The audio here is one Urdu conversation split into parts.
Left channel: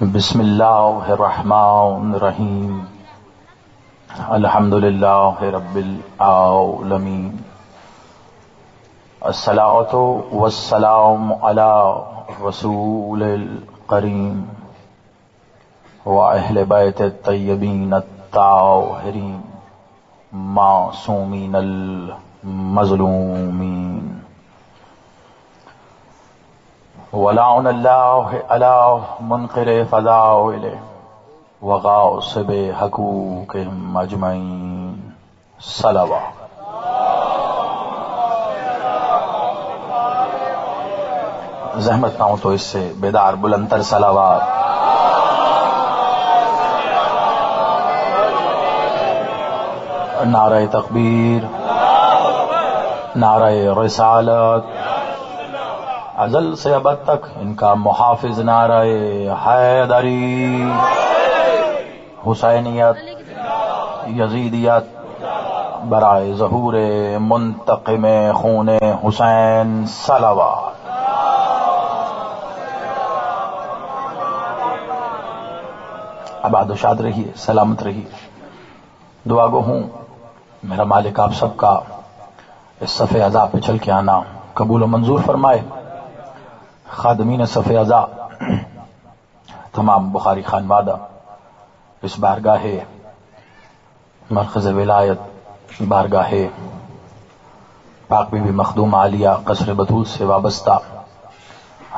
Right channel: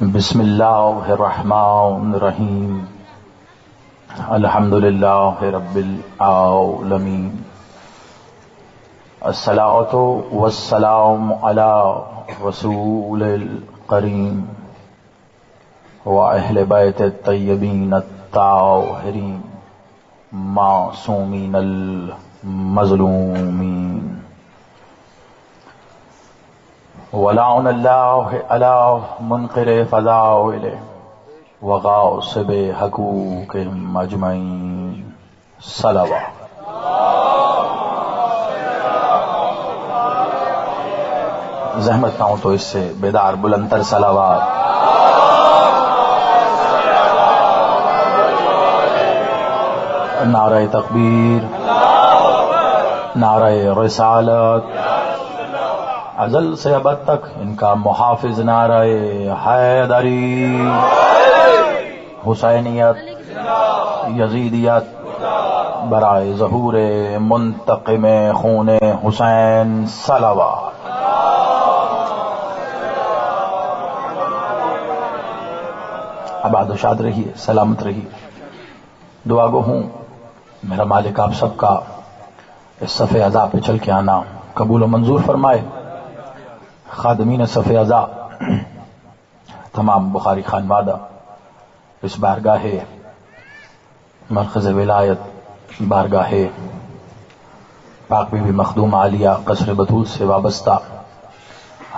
بسم اللہ الرحمن الرحیم الحمد للہ رب العالمین الصلاۃ والسلام علی رسول الکریم واہل بیت الطیبین الطاہرین معصومین المظلومین ولعن اللہ علی منقر فضائل وغاصب حقوقہم اجمعین صلوات. زحمت نہ ہو تو اس سے بیدار بلندر صلوات. نعرہ تکبیر، نعرہ رسالت، ازل سے ابد تک ان کا محافظ نعرہ حیدری، حسینیت، یزیدیت برائے ظہور منتقم خون حسین صلوات. آباد و شاد رہیے، سلامت رہیے. دعا گو ہوں میرا مالک آپ سب کا اس صف عزا پہ چل کے آنا قبول و منظور فرمائے. خادمین صف عزا، تمام بخاری خانوادہ، اس بارگاہ مرکز ولایت، بارگاہ پاک بی بی مخدوم عالیہ قصر بطول سے وابستہ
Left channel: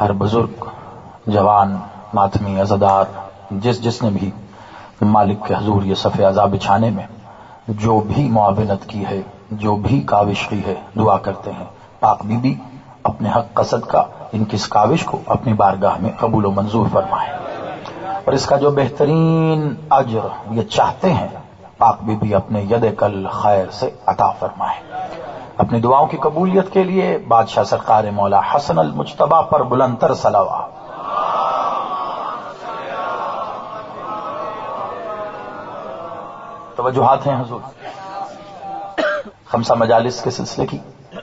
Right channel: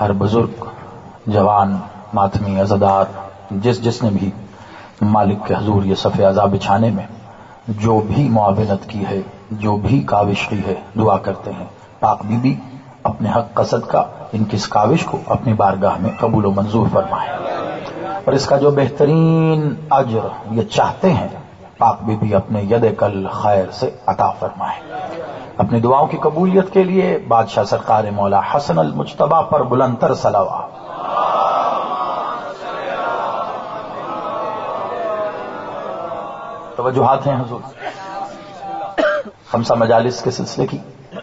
ہر بزرگ، جوان، ماتمی، عزادار، جس نے بھی مالک کے حضور یہ صف عزا بچھانے میں جو بھی معاونت کی ہے، جو بھی کاوش کی ہے، دعا کرتے ہیں پاک بی بی اپنے حق قصد کا ان کی اس کاوش کو اپنی بارگاہ میں قبول و منظور فرمائے، اور اس کا جو بہترین اجر یہ چاہتے ہیں پاک بی بی اپنے ید کل خیر سے عطا فرمائے. اپنی دعاؤں کی قبولیت کے لیے بادشاہ سرکار مولا حسن المجتبی پر بلندتر صلوات. توجہات ہیں حضور. خمسہ مجالس کے سلسلے کی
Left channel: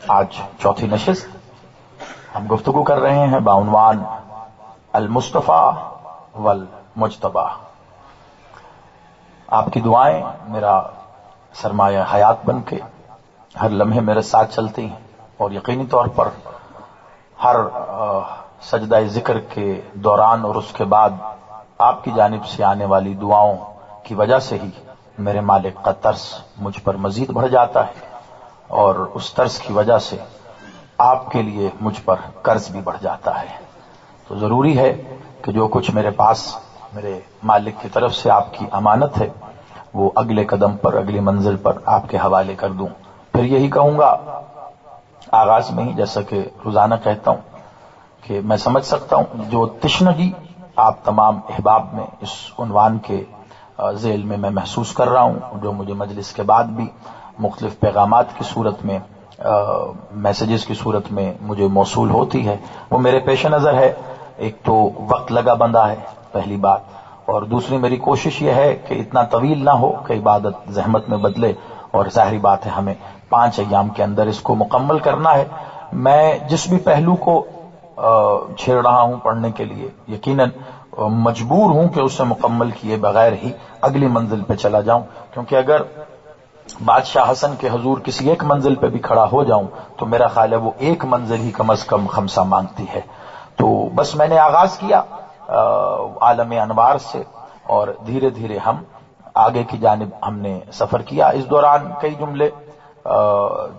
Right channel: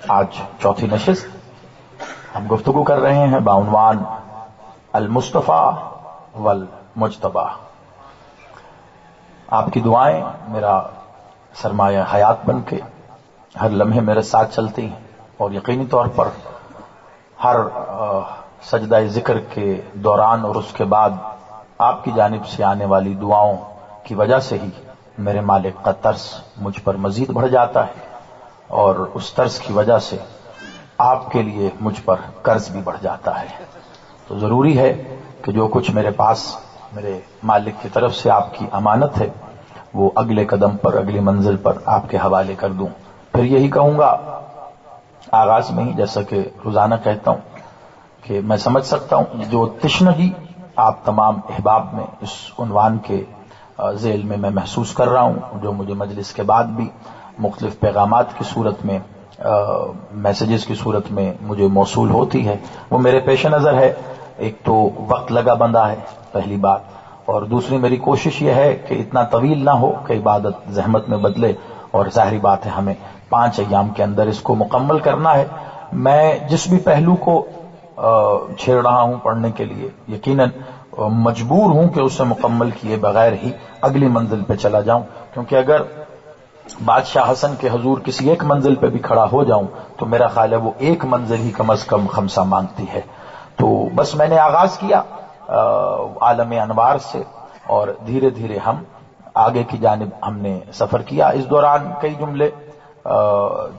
آج چوتھی نشست. ہم گفتگو کر رہے ہیں بعنوان المصطفیٰ والمجتبی. آپ کی دعائیں میرا سرمایہ حیات بن کے ہر لمحے میرے ساتھ چلتی ہیں، اور یقینی طور پر ہر سجدہ ذکر کے دوران اور اس کے بعد آپ کی جانب سے آنے والی دعاؤں کی وجہ سے ہی میرے مالک کا ترس مجھ پر مزید بڑھ جاتا ہے، اور اس ترس کی وجہ سے آپ کے لیے مجھ پر قرض بھی بڑھ جاتا ہے. تو ضروری ہے کہ جو کچھ میرے پاس میرے مالک کی طرف سے آپ کی امانت ہے وہ اگلے قدم پر، اگلی منزل پر آپ کے حوالے کر دوں. پھر یہی کہوں گا آغاز میں ہی، جیسا کہ روزانہ کہتا ہوں، کہ میں سمجھ سکتا ہوں جو تشنگی آپ تمام احباب میں اس عنوان کے ذیل میں محسوس کر رہا ہوں، جو مجھے مجلس کے بعد بھی مختلف پیغامات کی صورت میں، میسیجز کی صورت میں مجھے موصول ہوتی ہے، وہ میرے پیش نظر ہے. ایک تو وقت لگا بندہ ہے، پہلی بات، اور دوسری میری کوشش یہ ہے کہ اتنا طویل نہ ہو کہ عبادت زحمت میں بدلے، اور ظاہری بات ہے ہمیں 5 ایام کے اندر اس کو مکمل کرنا ہے. میں جس بھی پہلو کو چھیڑ رہا ہوں پڑھنے کے لیے یقیناً مجبور ہوں کہ اسے مکمل کیے بغیر ہی اگلی منزل پہ چلا جاؤں، کیونکہ اگر بادشاہ حسن کے حضور کسی ایک منزل پہ بھی کھڑا ہو جاؤں تو میرا خیال ہے وہ ایک منزل ہی کم از کم خمسہ مانگتی ہے. تو بس میں نے آغاز کیا عالم انوار سے، اور دھیرے دھیرے ہم آگے کی جانب ہم نے سفر کیا. اس دوران کئی جملے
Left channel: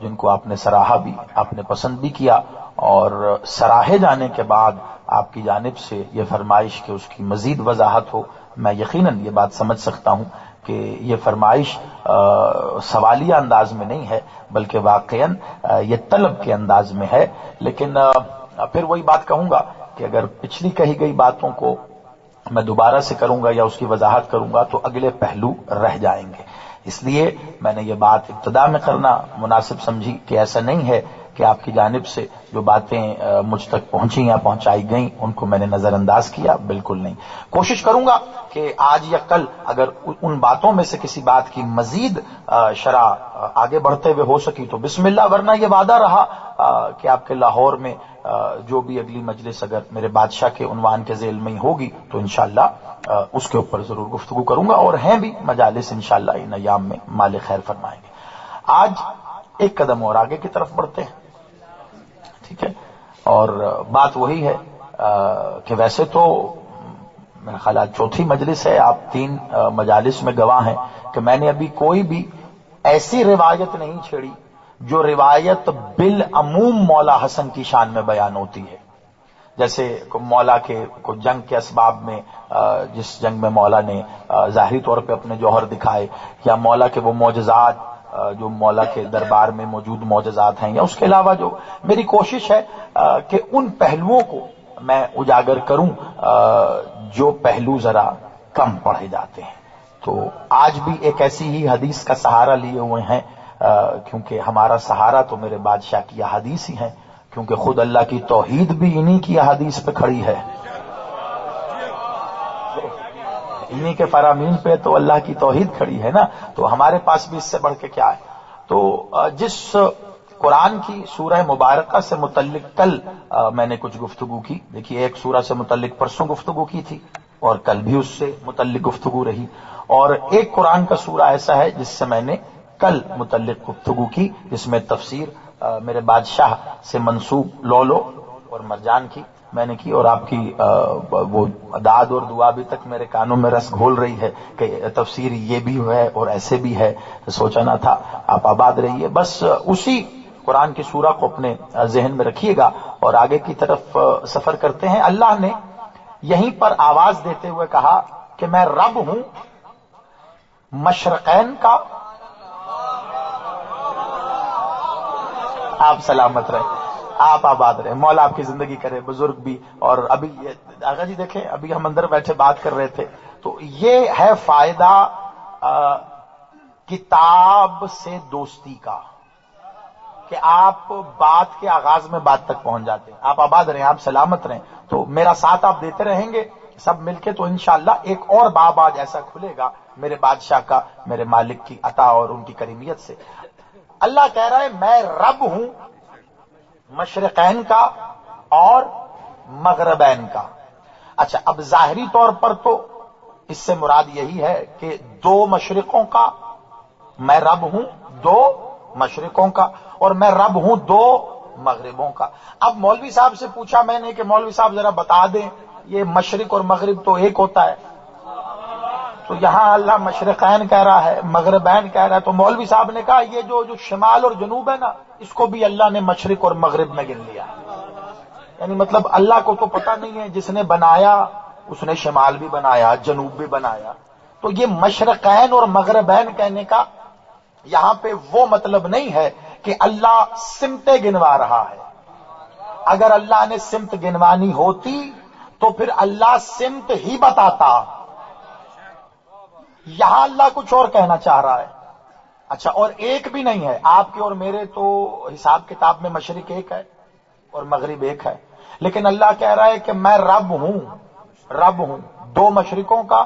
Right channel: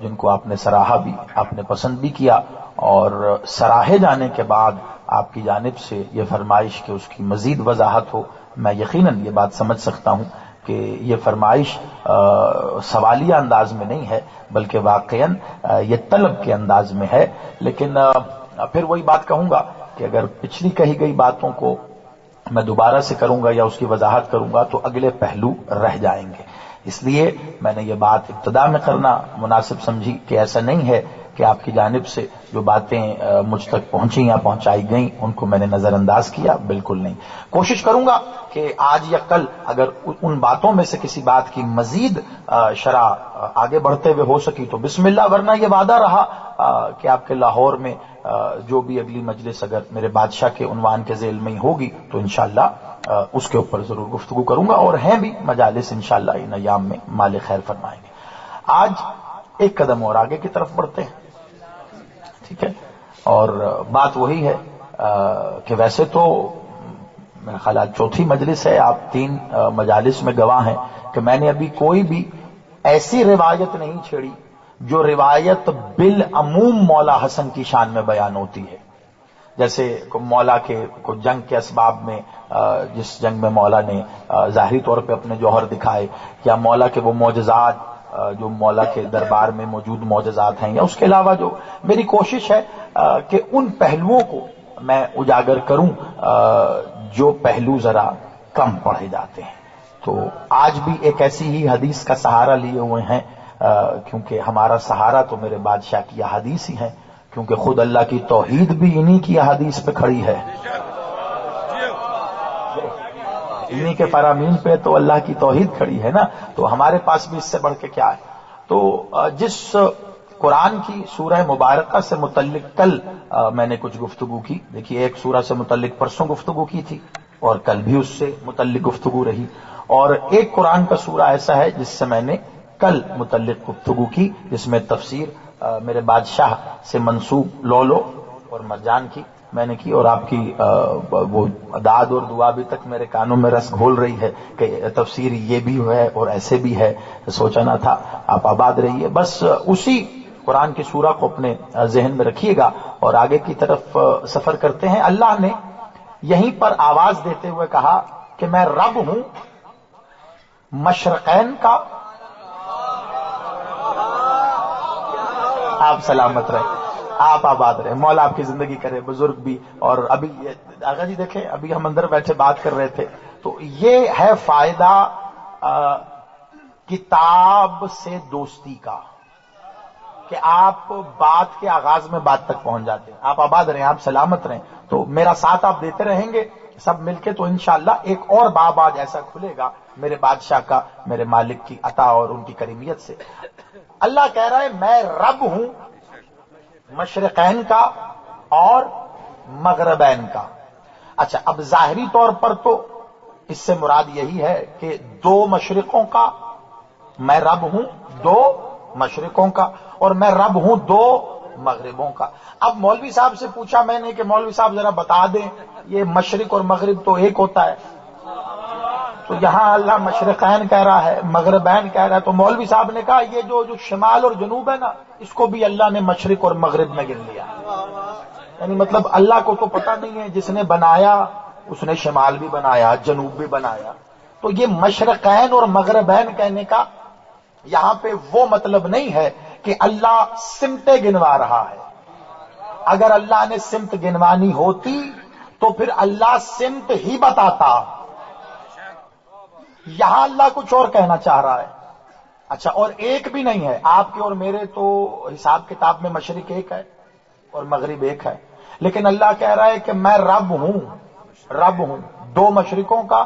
جن کو آپ نے سراہا بھی، آپ نے پسند بھی کیا، اور سراہے جانے کے بعد آپ کی جانب سے یہ فرمائش کہ اس کی مزید وضاحت ہو، میں یقیناً یہ بات سمجھ سکتا ہوں کہ یہ فرمائش سوالیہ انداز میں نہیں ہے، بلکہ واقعاً یہ طلب کے انداز میں ہے. لیکن پھر وہی بات کہوں گا کہ اگر پچھلی کہی گئی باتوں کو میں دوبارہ سے کروں گا یا اس کی وضاحت کروں گا تو اگلے پہلو رہ جائیں گے. اس لیے میں نے یہ بات ابتدا میں کرنا مناسب سمجھی کہ ایسا نہیں ہے کہ آپ کی جانب سے جو باتیں مجھ تک پہنچی یا پہنچائی گئیں ان کو میں نے نظر انداز کیا، بالکل نہیں. کوشش کروں گا کہ آج یا کل اگر ان باتوں میں سے کسی بات کی مزید شرح آگے بڑھتے ہوئے ہو سکی تو بسم اللہ، ورنہ یہ وعدہ رہا کہ آپ کے لاہور میں جو بھی اگلی مجلس اگر میرے بادشاہ کے عنوان کے ذیل میں ہی ہوگی تو انشاءاللہ اس کے اوپر ضرور گفتگو کروں گا، اور ہیں بھی مجالس انشاءاللہ ان ایام میں، مالک خیر فرمائیں گے۔ آج ایک قدم اور آگے کی طرف بڑھتے ہیں، ٹھیک ہے، اور بات وہی ہے کہ ویسے تو میرا خیال چوتھی مجلس ہے، آپ 3 مجالس میں گواہ ہیں کہ میں نے ابھی کوئی بھی ایسی روایت نہیں چھیڑی جو روایت بالعموم مولا حسن کی شان میں بیان ہوتی ہے۔ جیسے مولا کے کو جنگ کے اسباب میں جس جنگ میں مولا نے ظاہری طور پہ اپنے جوہر دکھائے، یا مولا کے وہ معجزات جو مولا کے دربار میں موجود معجزات ہیں، یا اس کے علاوہ جو میری کوشش ہے کہ ان پہلوؤں کو میں اجاگر کروں جو پہلو ذرا کم پڑھے جاتے ہیں۔ تو آج بھی ایک ایسی ہی حدیث کا سہارا لیے ہوئے ہیں، کیونکہ ہمارا سہارا تو میرے بادشاہ کی احادیث ہی ہیں، کیونکہ خود اللہ کی توحید بھی انہی کی احادیث پہ کھڑی ہے، انہی کے فرامین پہ تو اللہ کی توحید کھڑی ہے نا، تو ہمارے پاس بھی اس سے بڑھ کے کیا ہے۔ تو جس قرآن کی سورہ مبارکہ سے متعلق کل میں نے کچھ گفتگو کی، دیکھیے ایک سورہ سے متعلق پرسوں گفتگو کی تھی اور کل بھی اس سے متعلق گفتگو رہی، اور ایک قرآن کا سورہ ایسا ہے جس سے میں نے کل متعلق گفتگو کی، جس میں تفسیر میرے بادشاہ سے منسوب لولو اور مرجان کی میں نے کی، اور آپ کی وہ داد اور دعا بھی تک میرے کانوں میں رس گھول رہی ہے کہ تفسیر یہ بھی ہے اور ایسے بھی ہے، سوچا نہ تھا۔ آپ آباد رہیے، بس اسی قرآن کی سورہ کو اپنے ذہن میں رکھیے گا اور آگے کی طرف سفر کرتے ہیں۔ اللہ نے یہیں پر آواز دیتے ہوئے کہا کہ میں رب ہوں مشرقین کا، آپ سلامت رہے، آپ آباد رہے، مولا آپ کی زندگی کرے، بزرگ بھی۔ اور ابھی آغا جی دیکھیں، ابھی ہم اندر بیٹھے بات کر رہے تھے، تو یہ ہے فائدہ کتاب سے دوستی کا، کہ آپ بات کے آغاز میں بات تک پہنچ جاتے ہیں۔ آپ آباد رہیں، آپ سلامت رہیں، تو میرا ساتھ آپ دیتے رہیں گے سب مل کے، تو انشاءاللہ ایک اور باب آج ایسا کھلے گا میرے بادشاہ کا، میرے مالک کی عطا اور ان کی کریمیت سے۔ اللہ کہہ رہا ہے میں رب ہوں مشرقین کا اور مغربین کا۔ اچھا، اب ظاہری طور پر تو اس سے مراد یہی ہے کہ 2 مشرقوں کا میں رب ہوں، 2 مشرقوں کا، اور میں رب ہوں 2 مغربوں کا۔ اب مولوی صاحب سے پوچھا میں نے کہ مولوی صاحب ذرا بتا دیں یہ مشرق اور مغرب تو ایک ہوتا ہے، تو یہاں اللہ مشرقین کہہ رہا ہے، مغربین کہہ رہا ہے، تو مولوی صاحب نے کہا یہ جو شمال اور جنوب ہے نا، اس کو بھی اللہ نے مشرق اور مغرب میں گن لیا، یعنی مطلب اللہ کو تو پتہ نہیں ہے، جس نے بنایا اس نے شمال بھی بنایا جنوب بھی بنایا، تو یہ مشرقین اور مغربین کہنے کا یہاں پہ وہ مطلب نہیں ہے کہ اللہ سمتیں گنوا رہا ہے۔ اگر اللہ نے سمت گنوانی ہوتی تو پھر اللہ سمت ہی بتاتا، یہاں اللہ کچھ اور کہنا چاہ رہا ہے۔ اچھا، اور ایک بھی نہیں ہے، آپ کے اور میرے تو حساب کتاب میں مشرق ایک ہے اور مغرب ایک ہے، لیکن اللہ کہہ رہا ہے کہ میں رب ہوں 2 مشرقوں کا،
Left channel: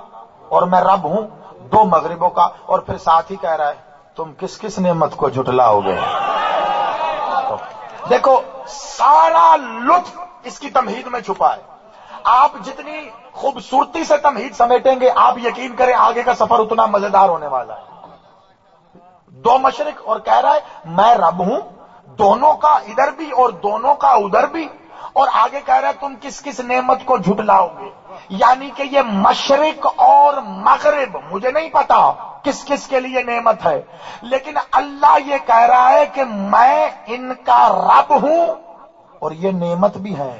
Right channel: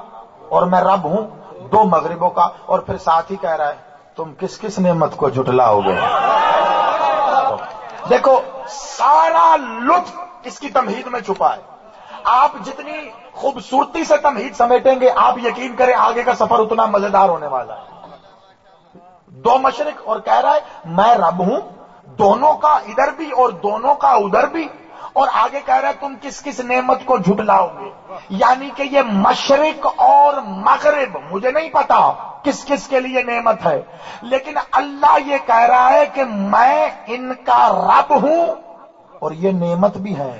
اور میں رب ہوں 2 مغربوں کا، اور پھر ساتھ ہی کہہ رہا ہے تم کس کس نعمت کو جھٹلاؤ گے۔ دیکھو سارا لطف اس کی تمہید میں چھپا ہے، آپ جتنی خوبصورتی سے تمہید سمیٹیں گے آپ یقین کریں آگے کا سفر اتنا مزیدار ہونے والا ہے۔ 2 مشرق، اور کہہ رہا ہے میں رب ہوں دونوں کا ادھر بھی اور دونوں کا ادھر بھی، اور آگے کہہ رہا ہے تم کس کس نعمت کو جھٹلاؤ گے، یعنی کہ یہ مشرق اور مغرب مجھے نہیں پتا کس کس کے لیے نعمت ہے، لیکن اللہ یہ کہہ رہا ہے کہ میں ان کا رب ہوں اور یہ نعمت بھی ہے۔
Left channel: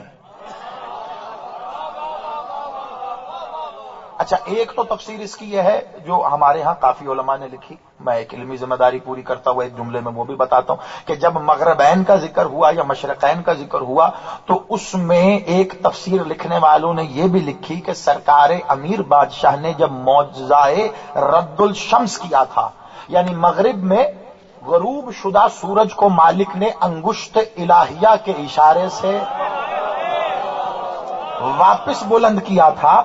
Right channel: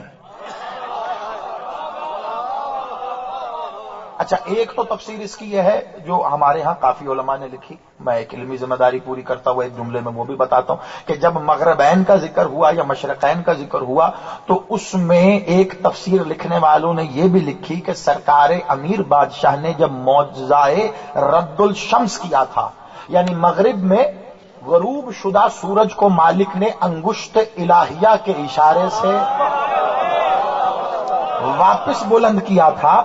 اچھا، ایک تو تفسیر اس کی یہ ہے جو ہمارے ہاں کافی علماء نے لکھی، میں ایک علمی ذمہ داری پوری کرتا ہوا ایک جملے میں وہ بھی بتاتا ہوں کہ جب مغربین کا ذکر ہوا یا مشرقین کا ذکر ہوا تو اس میں ایک تفسیر لکھنے والوں نے یہ بھی لکھی کہ سرکار امیر بادشاہ نے جب معجزہ رد الشمس کیا تھا، یعنی مغرب میں غروب شدہ سورج کو مالک نے انگشت الہیہ کے اشارے سے واپس بلند کیا تھا،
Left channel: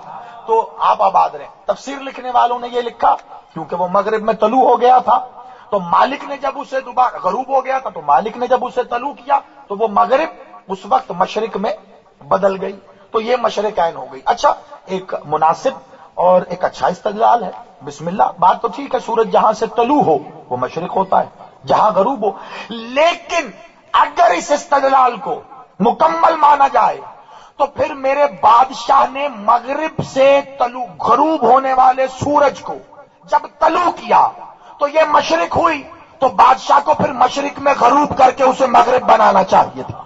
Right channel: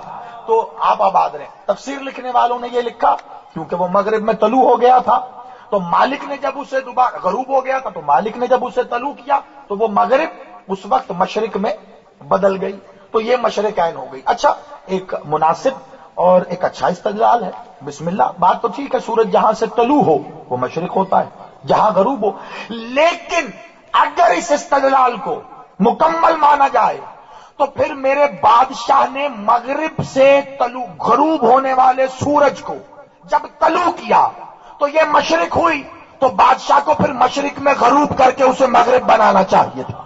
تو آپ آباد رہیں۔ تفسیر لکھنے والوں نے یہ لکھا کیونکہ وہ مغرب میں طلوع ہو گیا تھا، تو مالک نے جب اسے دوبارہ غروب ہو گیا تھا تو مالک نے جب اسے طلوع کیا تو وہ مغرب اس وقت مشرق میں بدل گئی، تو یہ مشرقین ہو گئی۔ اچھا، ایک مناسب اور ایک اچھا استدلال ہے، بسم اللہ، بات تو ٹھیک ہے، سورج جہاں سے طلوع ہو وہ مشرق ہوتا ہے، جہاں غروب ہو، لیکن اگر اس استدلال کو مکمل مانا جائے تو پھر میرے بادشاہ نے مغرب سے غروب ہونے والے سورج کو جب طلوع کیا تو یہ مشرق ہوئی، تو بادشاہ کو پھر مشرق میں غروب کر کے اسے مغرب بنانا چاہیے تھا،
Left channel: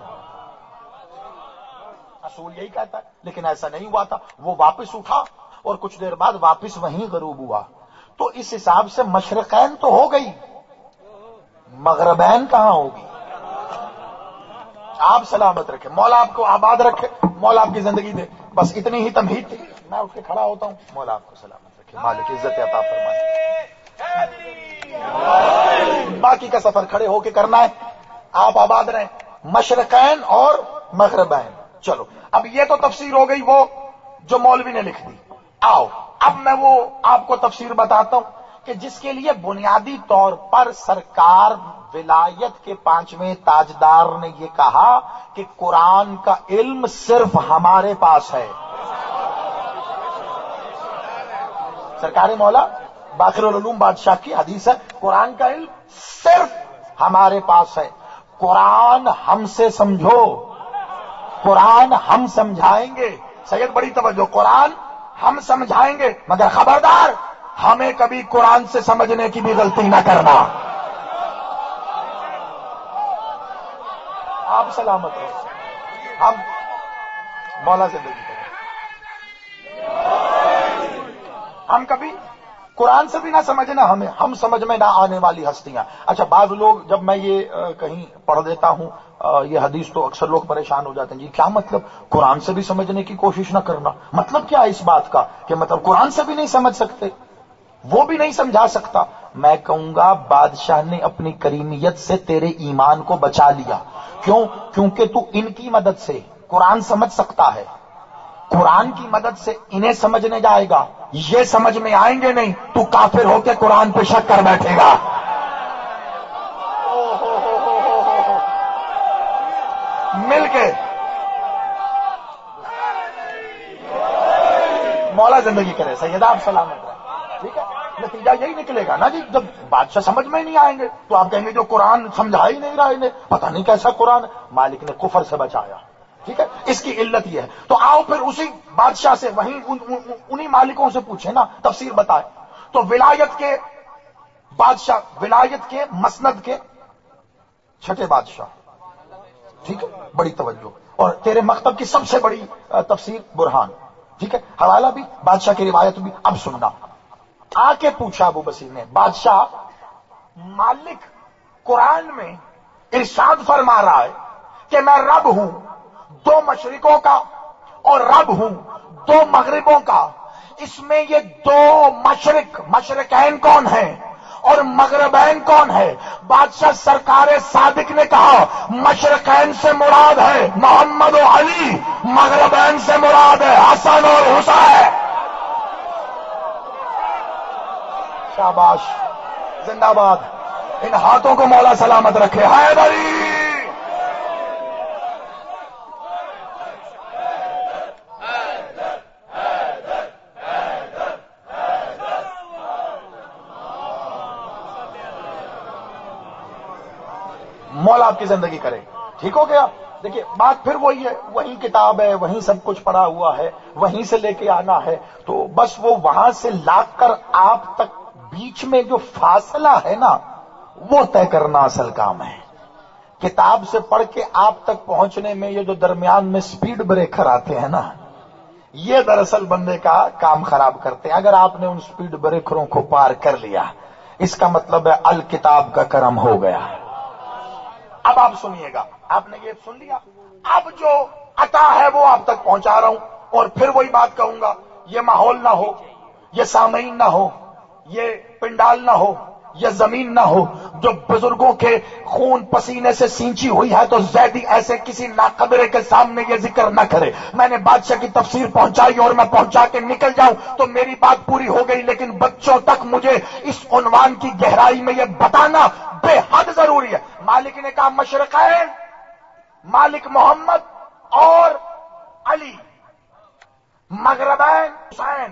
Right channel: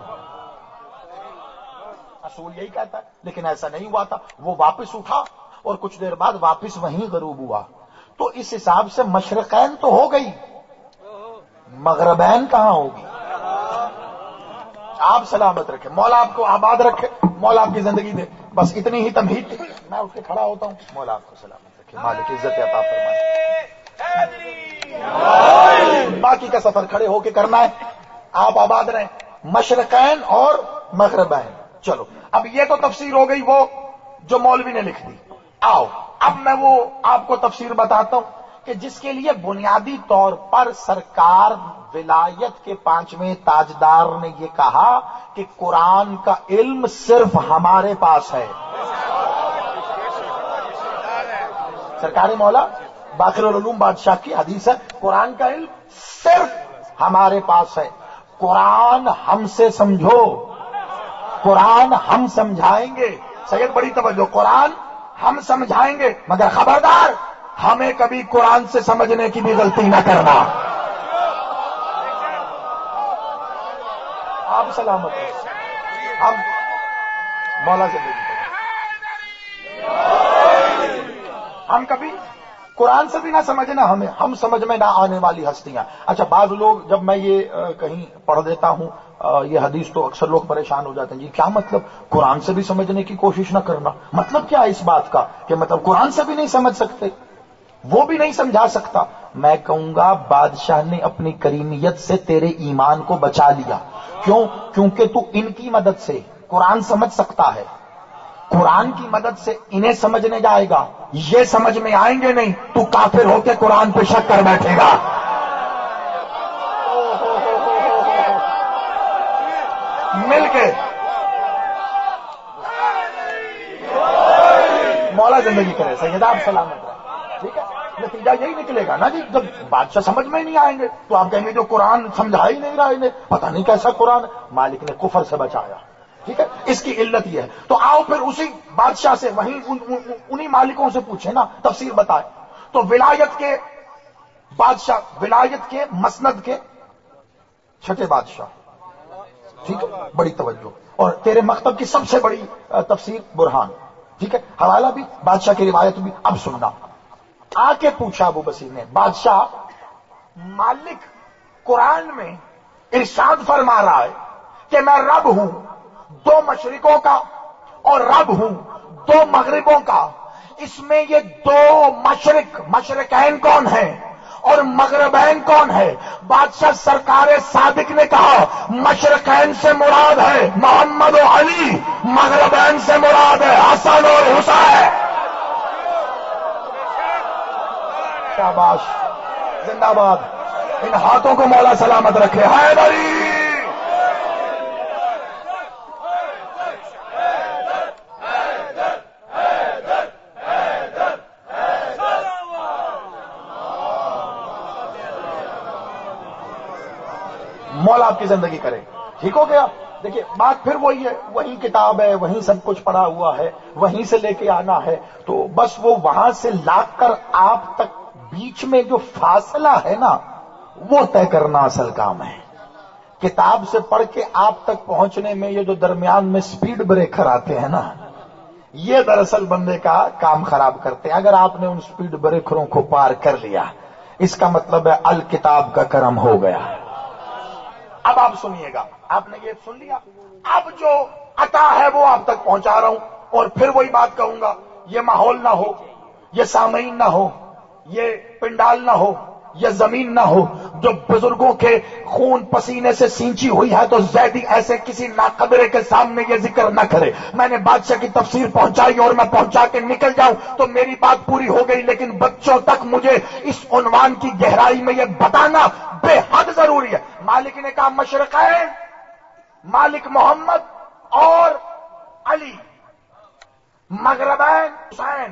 اصول یہی کہتا ہے، لیکن ایسا نہیں ہوا تھا، وہ واپس اٹھا اور کچھ دیر بعد واپس وہیں غروب ہوا، تو اس حساب سے مشرقین تو ہو گئی، مغربین کہاں ہوگی؟ آپ سلامت رکھے، مولا آپ کو آباد رکھے، مولا آپ کی زندگی دے، بس اتنی ہی تمہید تھی، میں اٹھ کے کھڑا ہوتا ہوں، مولا آپ کو سلامت رکھے، مالک عزت عطا فرمائے، باقی کا سفر کھڑے ہو کے کرنا ہے، آپ آباد رہیں، مشرقین اور مغربین۔ چلو اب یہ تو تفسیر ہو گئی وہ جو مولوی نے لکھ دی، آؤ اب میں وہ آپ کو تفسیر بتاتا ہوں کہ جس کے لیے بنیادی طور پر سرکار ولایت کے 5ویں تاجدار نے یہ کہا کہ قرآن کا علم صرف ہمارے پاس ہے۔ سرکار مولا باقر العلوم بادشاہ کی حدیث ہے، قرآن کا علم صرف ہمارے پاس ہے، قرآن ہم سے سمجھو، قرآن ہم سمجھائیں گے، سید بڑی توجہ، قرآن ہم سمجھائیں گے، مگر خبردار ہمیں کبھی قرآن سے سمجھنے کی بھی غلطی نہ کرنا۔ آپ سلامت ہیں، ہم مولا زندگی کریں، ہم کبھی قرآن سے بھی نہ سمجھنا، ہم سمجھ میں نہ آنے والی ہستیاں۔ اچھا بعض لوگ، جب میں یہ کہیں پڑھ دیتا ہوں یہ حدیث، تو اکثر لوگ پریشان ہو جاتے ہیں، جی کیا مطلب قرآن سے بھی سمجھنے کی کوشش نہ کرنا؟ مطلب کیا ہے اس بات کا کہ مطلب قرآن سے بھی نہیں سمجھ سکتے، وہ بھی نہیں سمجھا سکتا؟ میں کہوں گا بادشاہ نے اپنی کریمیت سے تیرے ایمان کو بچا لیا، کیوں؟ کیونکہ تو ان کی مدد سے قرآن سمجھ سکتا ہے، قرآن کی مدد سے انہیں سمجھنے جائے گا، یہ سمجھ میں آئیں گے نہیں، تو کافر ہو کے قرآن پہ شک کر بیٹھے گا۔ مل کے مولا زندگی کرے، سیدہ آپ سلامت رہے، ٹھیک ہے؟ نتیجہ یہی نکلے گا نا جی، جب بادشاہ سمجھ میں نہیں آئیں گے تو آپ کہیں گے جو قرآن سمجھا ہی نہیں رہا انہیں، پتہ نہیں کیسا قرآن، مالک نے کفر سے بچایا، ٹھیک ہے؟ اس کی علت یہ ہے۔ تو آؤ پھر اسی بادشاہ سے، وہیں انہی مالکوں سے پوچھیں نا، تفسیر بتائے۔ تو ولایت کے بادشاہ، ولایت کے مسند کے 6 بادشاہ، ٹھیک ہے؟ بڑی توجہ، اور تیرے مکتب کی سب سے بڑی تفسیر برہان، ٹھیک ہے؟ حوالہ بھی، بادشاہ کی روایت بھی۔ اب سننا، آ کے پوچھا ابو بصیر نے، بادشاہ مالک قرآن میں ارشاد فرما رہا ہے کہ میں رب ہوں 2 مشرقوں کا اور رب ہوں 2 مغربوں کا، اس میں یہ 2 مشرقین کون ہیں اور مغربین کون ہے؟ بادشاہ سرکار صادق نے کہا مشرقین سے مراد ہے محمد و علی، مغربین سے مراد ہے حسن اور حسین۔ شاباش، زندہ باد، ان ہاتھوں کو مولا سلامت رکھے، حیدری۔ مولا آپ کی زندگی کرے، ٹھیک ہو گیا؟ دیکھیے بات پھر وہی ہے، وہی کتاب ہے، وہیں سب کچھ پڑا ہوا ہے، وہیں سے لے کے آنا ہے، تو بس وہ وہاں سے لا کر آپ تک بیچ میں جو فاصلہ ہے نا، وہ طے کرنا اصل کام ہے۔ کتاب سے پڑھ کے آپ تک پہنچنے میں یہ جو درمیان میں سپیڈ بریکر آتے ہیں نا، یہ دراصل بندے کا کام خراب کرتے ہیں۔ اگر آپ نے ان سپیڈ بریکروں کو پار کر لیا، اس کا مطلب ہے الکتاب کا کرم ہو گیا۔ اب آپ سنیے گا، آپ نے یہ سن لیا، اب جو عطا ہے وہ آپ تک پہنچا رہا ہوں، اور پھر وہی بات کہوں گا، یہ ماحول نہ ہو، یہ سامعین نہ ہو، یہ پنڈال نہ ہو، یہ زمین نہ ہو جو بزرگوں کے خون پسینے سے سینچی ہوئی ہے، تو زیدی ایسے کسی ناقدرے کے سامنے یہ ذکر نہ کرے۔ میں نے بادشاہ کی تفسیر پہنچائی اور میں پہنچا کے نکل جاؤں تو میری بات پوری ہو گئی، لیکن بچوں تک مجھے اس عنوان کی گہرائی میں یہ بتانا بے حد ضروری ہے۔ مالک نے کہا مشرقین، مالک محمد اور علی، مغربین حسین،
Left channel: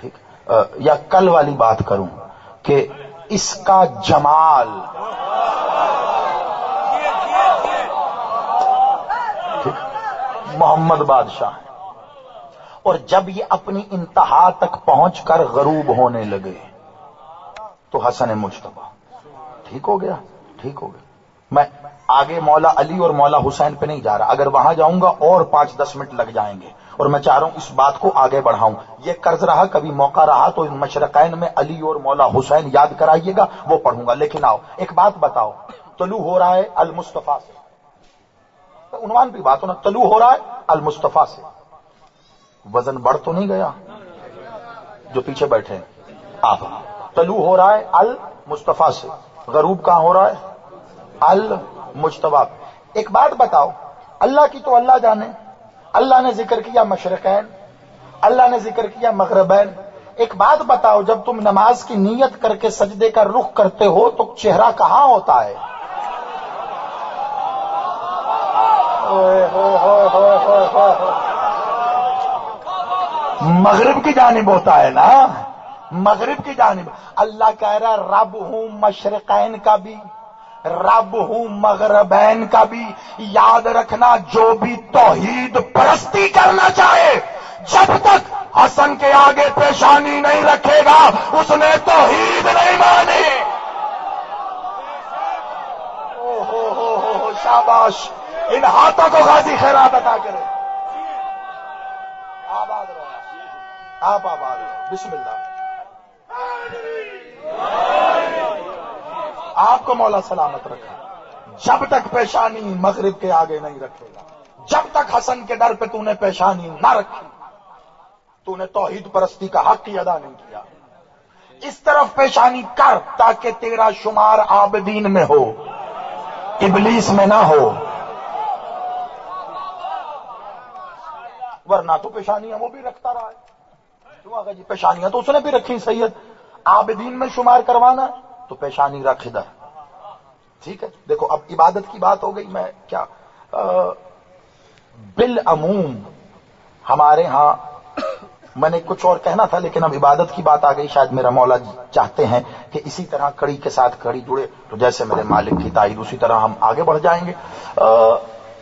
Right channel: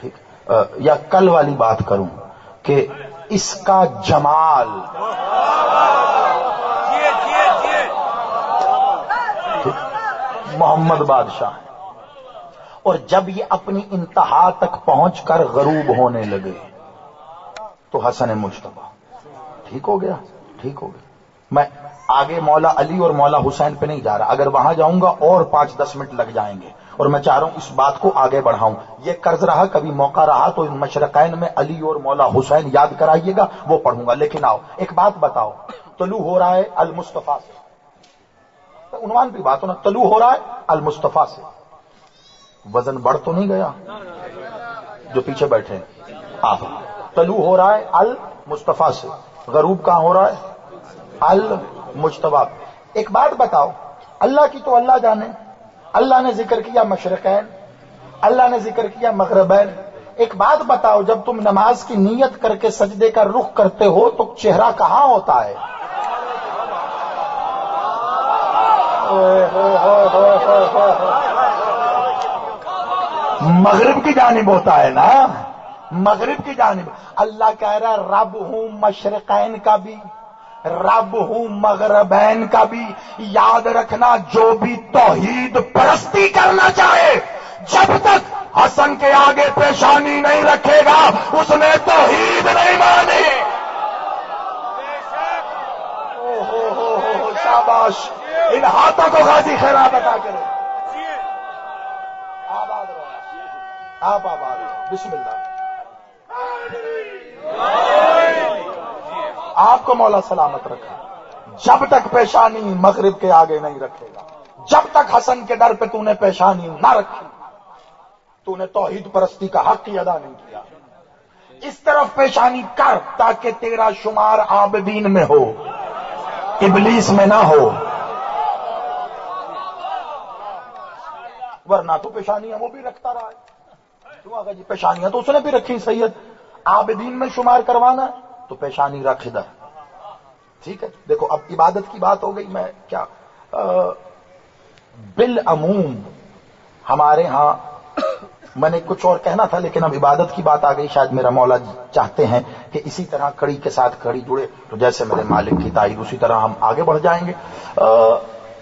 ٹھیک، یا کل والی بات کروں کہ اس کا جمال، محمد بادشاہ ہے، اور جب یہ اپنی انتہا تک پہنچ کر غروب ہونے لگے تو حسن مجتبی ٹھیک ہو گیا، ٹھیک ہو گیا۔ میں آگے مولا علی اور مولا حسین پہ نہیں جا رہا، اگر وہاں جاؤں گا اور 5-10 منٹ لگ جائیں گے، اور میں چاہ رہا ہوں اس بات کو آگے بڑھاؤں۔ یہ قرض رہا، کبھی موقع رہا تو ان مشرقین میں علی اور مولا حسین یاد کرائیے گا، وہ پڑھوں گا۔ لیکن آؤ ایک بات بتاؤ، طلوع ہو رہا ہے المصطفیٰ سے، عنوان بھی بات ہونا، طلوع ہو رہا ہے المصطفیٰ سے، وزن بڑھ تو نہیں گیا؟ جو پیچھے بیٹھے ہیں آپ، طلوع ہو رہا ہے المصطفیٰ سے، غروب کہاں ہو رہا ہے؟ المجتبی۔ ایک بات بتاؤ، اللہ کی تو اللہ جانے، اللہ نے ذکر کیا مشرقین، اللہ نے ذکر کیا مغربین۔ ایک بات بتاؤ، جب تم نماز کی نیت کر کے سجدے کا رخ کرتے ہو تو چہرہ کہاں ہوتا ہے؟ مغرب کی جانب ہوتا ہے نا، مغرب کی جانب۔ اللہ کہہ رہا رب ہوں مشرقین کا بھی، رب ہوں مغربین کا بھی۔ یاد رکھنا، جو بھی توحید پرستی کرنا چاہے، جب تک حسن کے آگے پیشانی نہیں رکھے گا اس نے توحید نہیں مانی۔ شاباش، ان ہاتھوں کو غازی خیرات عطا کرے۔ آباد رہو، آپ آباد رہو، بسم اللہ۔ آپ کو مولا سلامت رکھے۔ جب تک پیشانی مغرب کے آگے نہیں رکھے گا، جب تک حسن کے در پہ تو نے پیشانی نہ رکھی، تو نے توحید پرستی کا حق ہی ادا نہیں کیا۔ اس طرف پیشانی کر تاکہ تیرا شمار عابدین میں ہو، ابلیس میں نہ ہو، ورنہ تو پیشانیاں وہ بھی رکھتا رہا ہے۔ کیوں آقا جی؟ پیشانیاں تو اس نے بھی رکھی سید، عابدین میں شمار کروانا ہے تو پیشانی رکھ ادھر، ٹھیک ہے۔ دیکھو اب عبادت کی بات ہو گئی، میں کیا بالعموم ہمارے ہاں، میں نے کچھ اور کہنا تھا لیکن اب عبادت کی بات آ گئی، شاید میرا مولا چاہتے ہیں کہ اسی طرح کڑی کے ساتھ کڑی جڑے، تو جیسے میرے مالک کی تائید اسی طرح ہم آگے بڑھ جائیں گے۔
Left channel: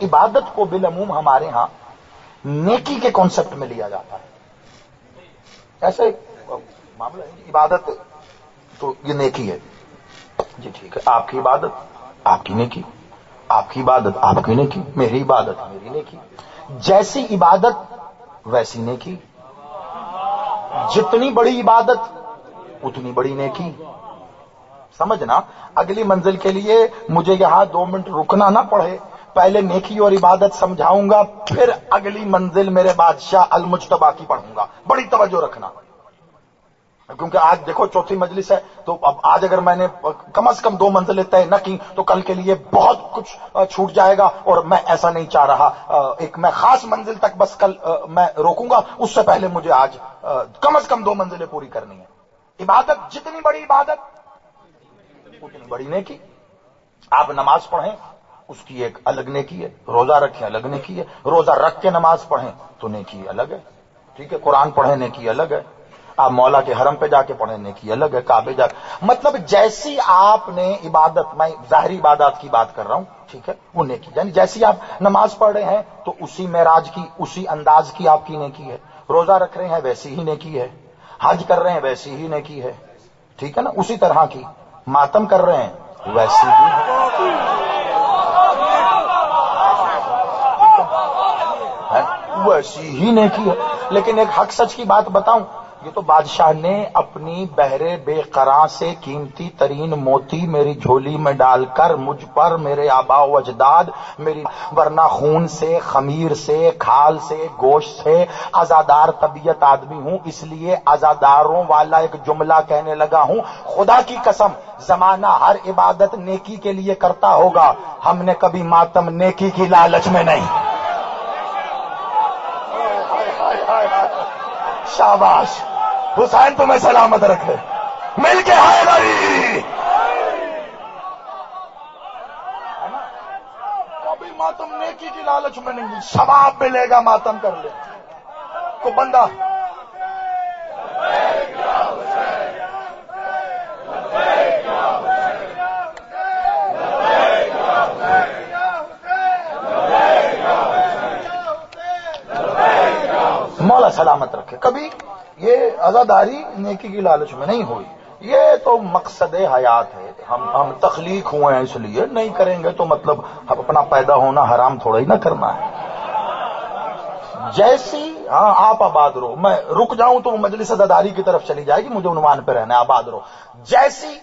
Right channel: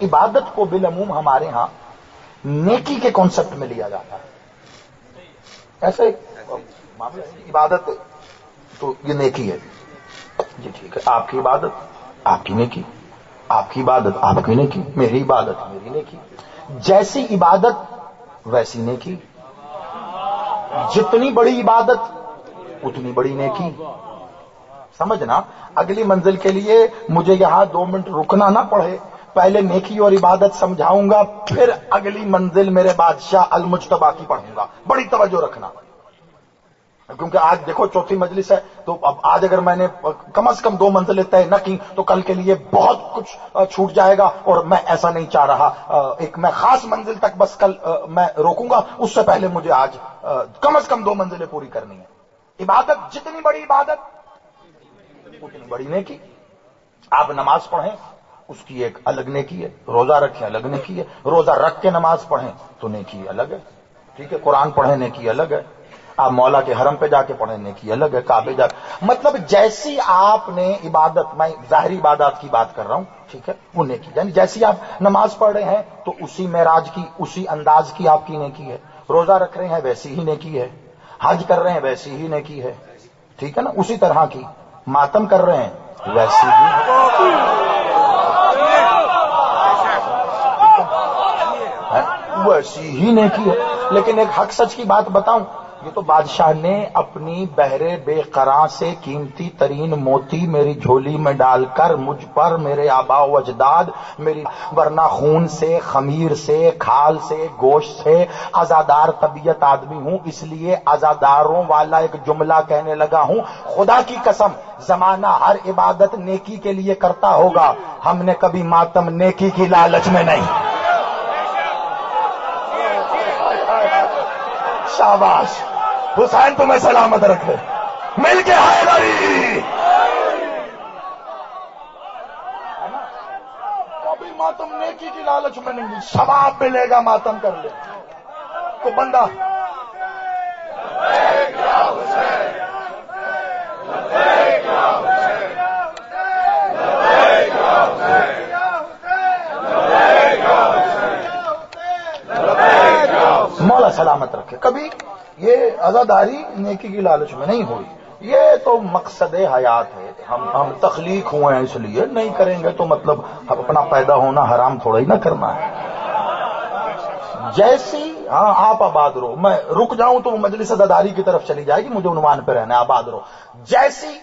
عبادت کو بالعموم ہمارے ہاں نیکی کے کانسیپٹ میں لیا جاتا ہے، ایسے معاملہ ہے، عبادت تو یہ نیکی ہے جی، ٹھیک ہے، آپ کی عبادت آپ کی نیکی، آپ کی عبادت آپ کی نیکی، میری عبادت میری نیکی، جیسی عبادت ویسی نیکی، جتنی بڑی عبادت اتنی بڑی نیکی۔ سمجھنا، اگلی منزل کے لیے مجھے یہاں 2 منٹ رکنا نہ پڑے، پہلے نیکی اور عبادت سمجھاؤں گا، پھر اگلی منزل میرے بادشاہ المجتبی کی پڑھوں گا۔ بڑی توجہ رکھنا، کیونکہ آج دیکھو چوتھی مجلس ہے، تو اب آج اگر میں نے کم از کم 2 منزلیں طے نہ کی تو کل کے لیے بہت کچھ چھوٹ جائے گا، اور میں ایسا نہیں چاہ رہا۔ ایک میں خاص منزل تک بس کل میں روکوں گا، اس سے پہلے مجھے آج کم از کم 2 منزلیں پوری کرنی ہے۔ عبادت، جتنی بڑی عبادت اتنی بڑی نیکی۔ آپ نماز پڑھیں اس کی ایک الگ نیکی ہے، روزہ رکھیں الگ نیکی ہے، روزہ رکھ کے نماز پڑھیں تو نیکی الگ ہے، ٹھیک ہے، قرآن پڑھیں نیکی الگ ہے، آپ مولا کے حرم پہ جا کے پڑھیں نیکی الگ ہے، کعبے جا، مطلب جیسی آپ نے عبادت، میں ظاہری عبادات کی بات کر رہا ہوں، ٹھیک ہے، وہ نیکی، یعنی جیسی آپ نماز پڑھ رہے ہیں تو اسی معراج کی، اسی انداز کی آپ کی نیکی ہے، روزہ رکھ رہے ہیں ویسی ہی نیکی ہے، حج کر رہے ہیں ویسی ہی نیکی ہے، ٹھیک ہے نا، اسی طرح کی، ماتم کر رہے ہیں ویسی ہی ویسی ہی نیکی ہے۔ لیکن ایک حق سچ کی بات بتاؤں، یہ تو بادشاہ نے اپنی بہرے بے قراں سے قیمتی ترین موتی میری جھولی میں ڈال کر مجھ پر، میرے آبا و اجداد، میری، ورنہ خون سے، خمیر سے، کھال سے، گوشت سے عزادار طبیعت آدمی ہوں، اس لیے عزاداروں والا ایک جملہ کہنے لگا ہوں۔ خدا کی قسم زمانہ ہر عبادت نیکی کے لیے کرتا ہوگا، ہم نے کبھی ماتم نیکی کی لالچ میں نہیں۔ شاباش، حسین تمہیں سلامت رکھے، مل کے حیدری، کبھی ماتم نیکی کی لالچ میں نہیں، ثواب ملے گا ماتم کر لے کو بندہ سلامت رکھے. کبھی یہ عزاداری نیکی کی لالچ میں نہیں ہوئی. یہ تو مقصد حیات ہے. ہم تخلیق ہوئے ہیں اس لیے نہیں کریں گے تو مطلب اپنا پیدا ہونا حرام تھوڑا ہی نہ کرنا ہے. جیسی ہاں آپ آباد رہو. میں رک جاؤں تو مجلس عزاداری کی طرف چلی جائے گی. مجھے عنوان پہ رہنا ہے آباد رہو. جیسی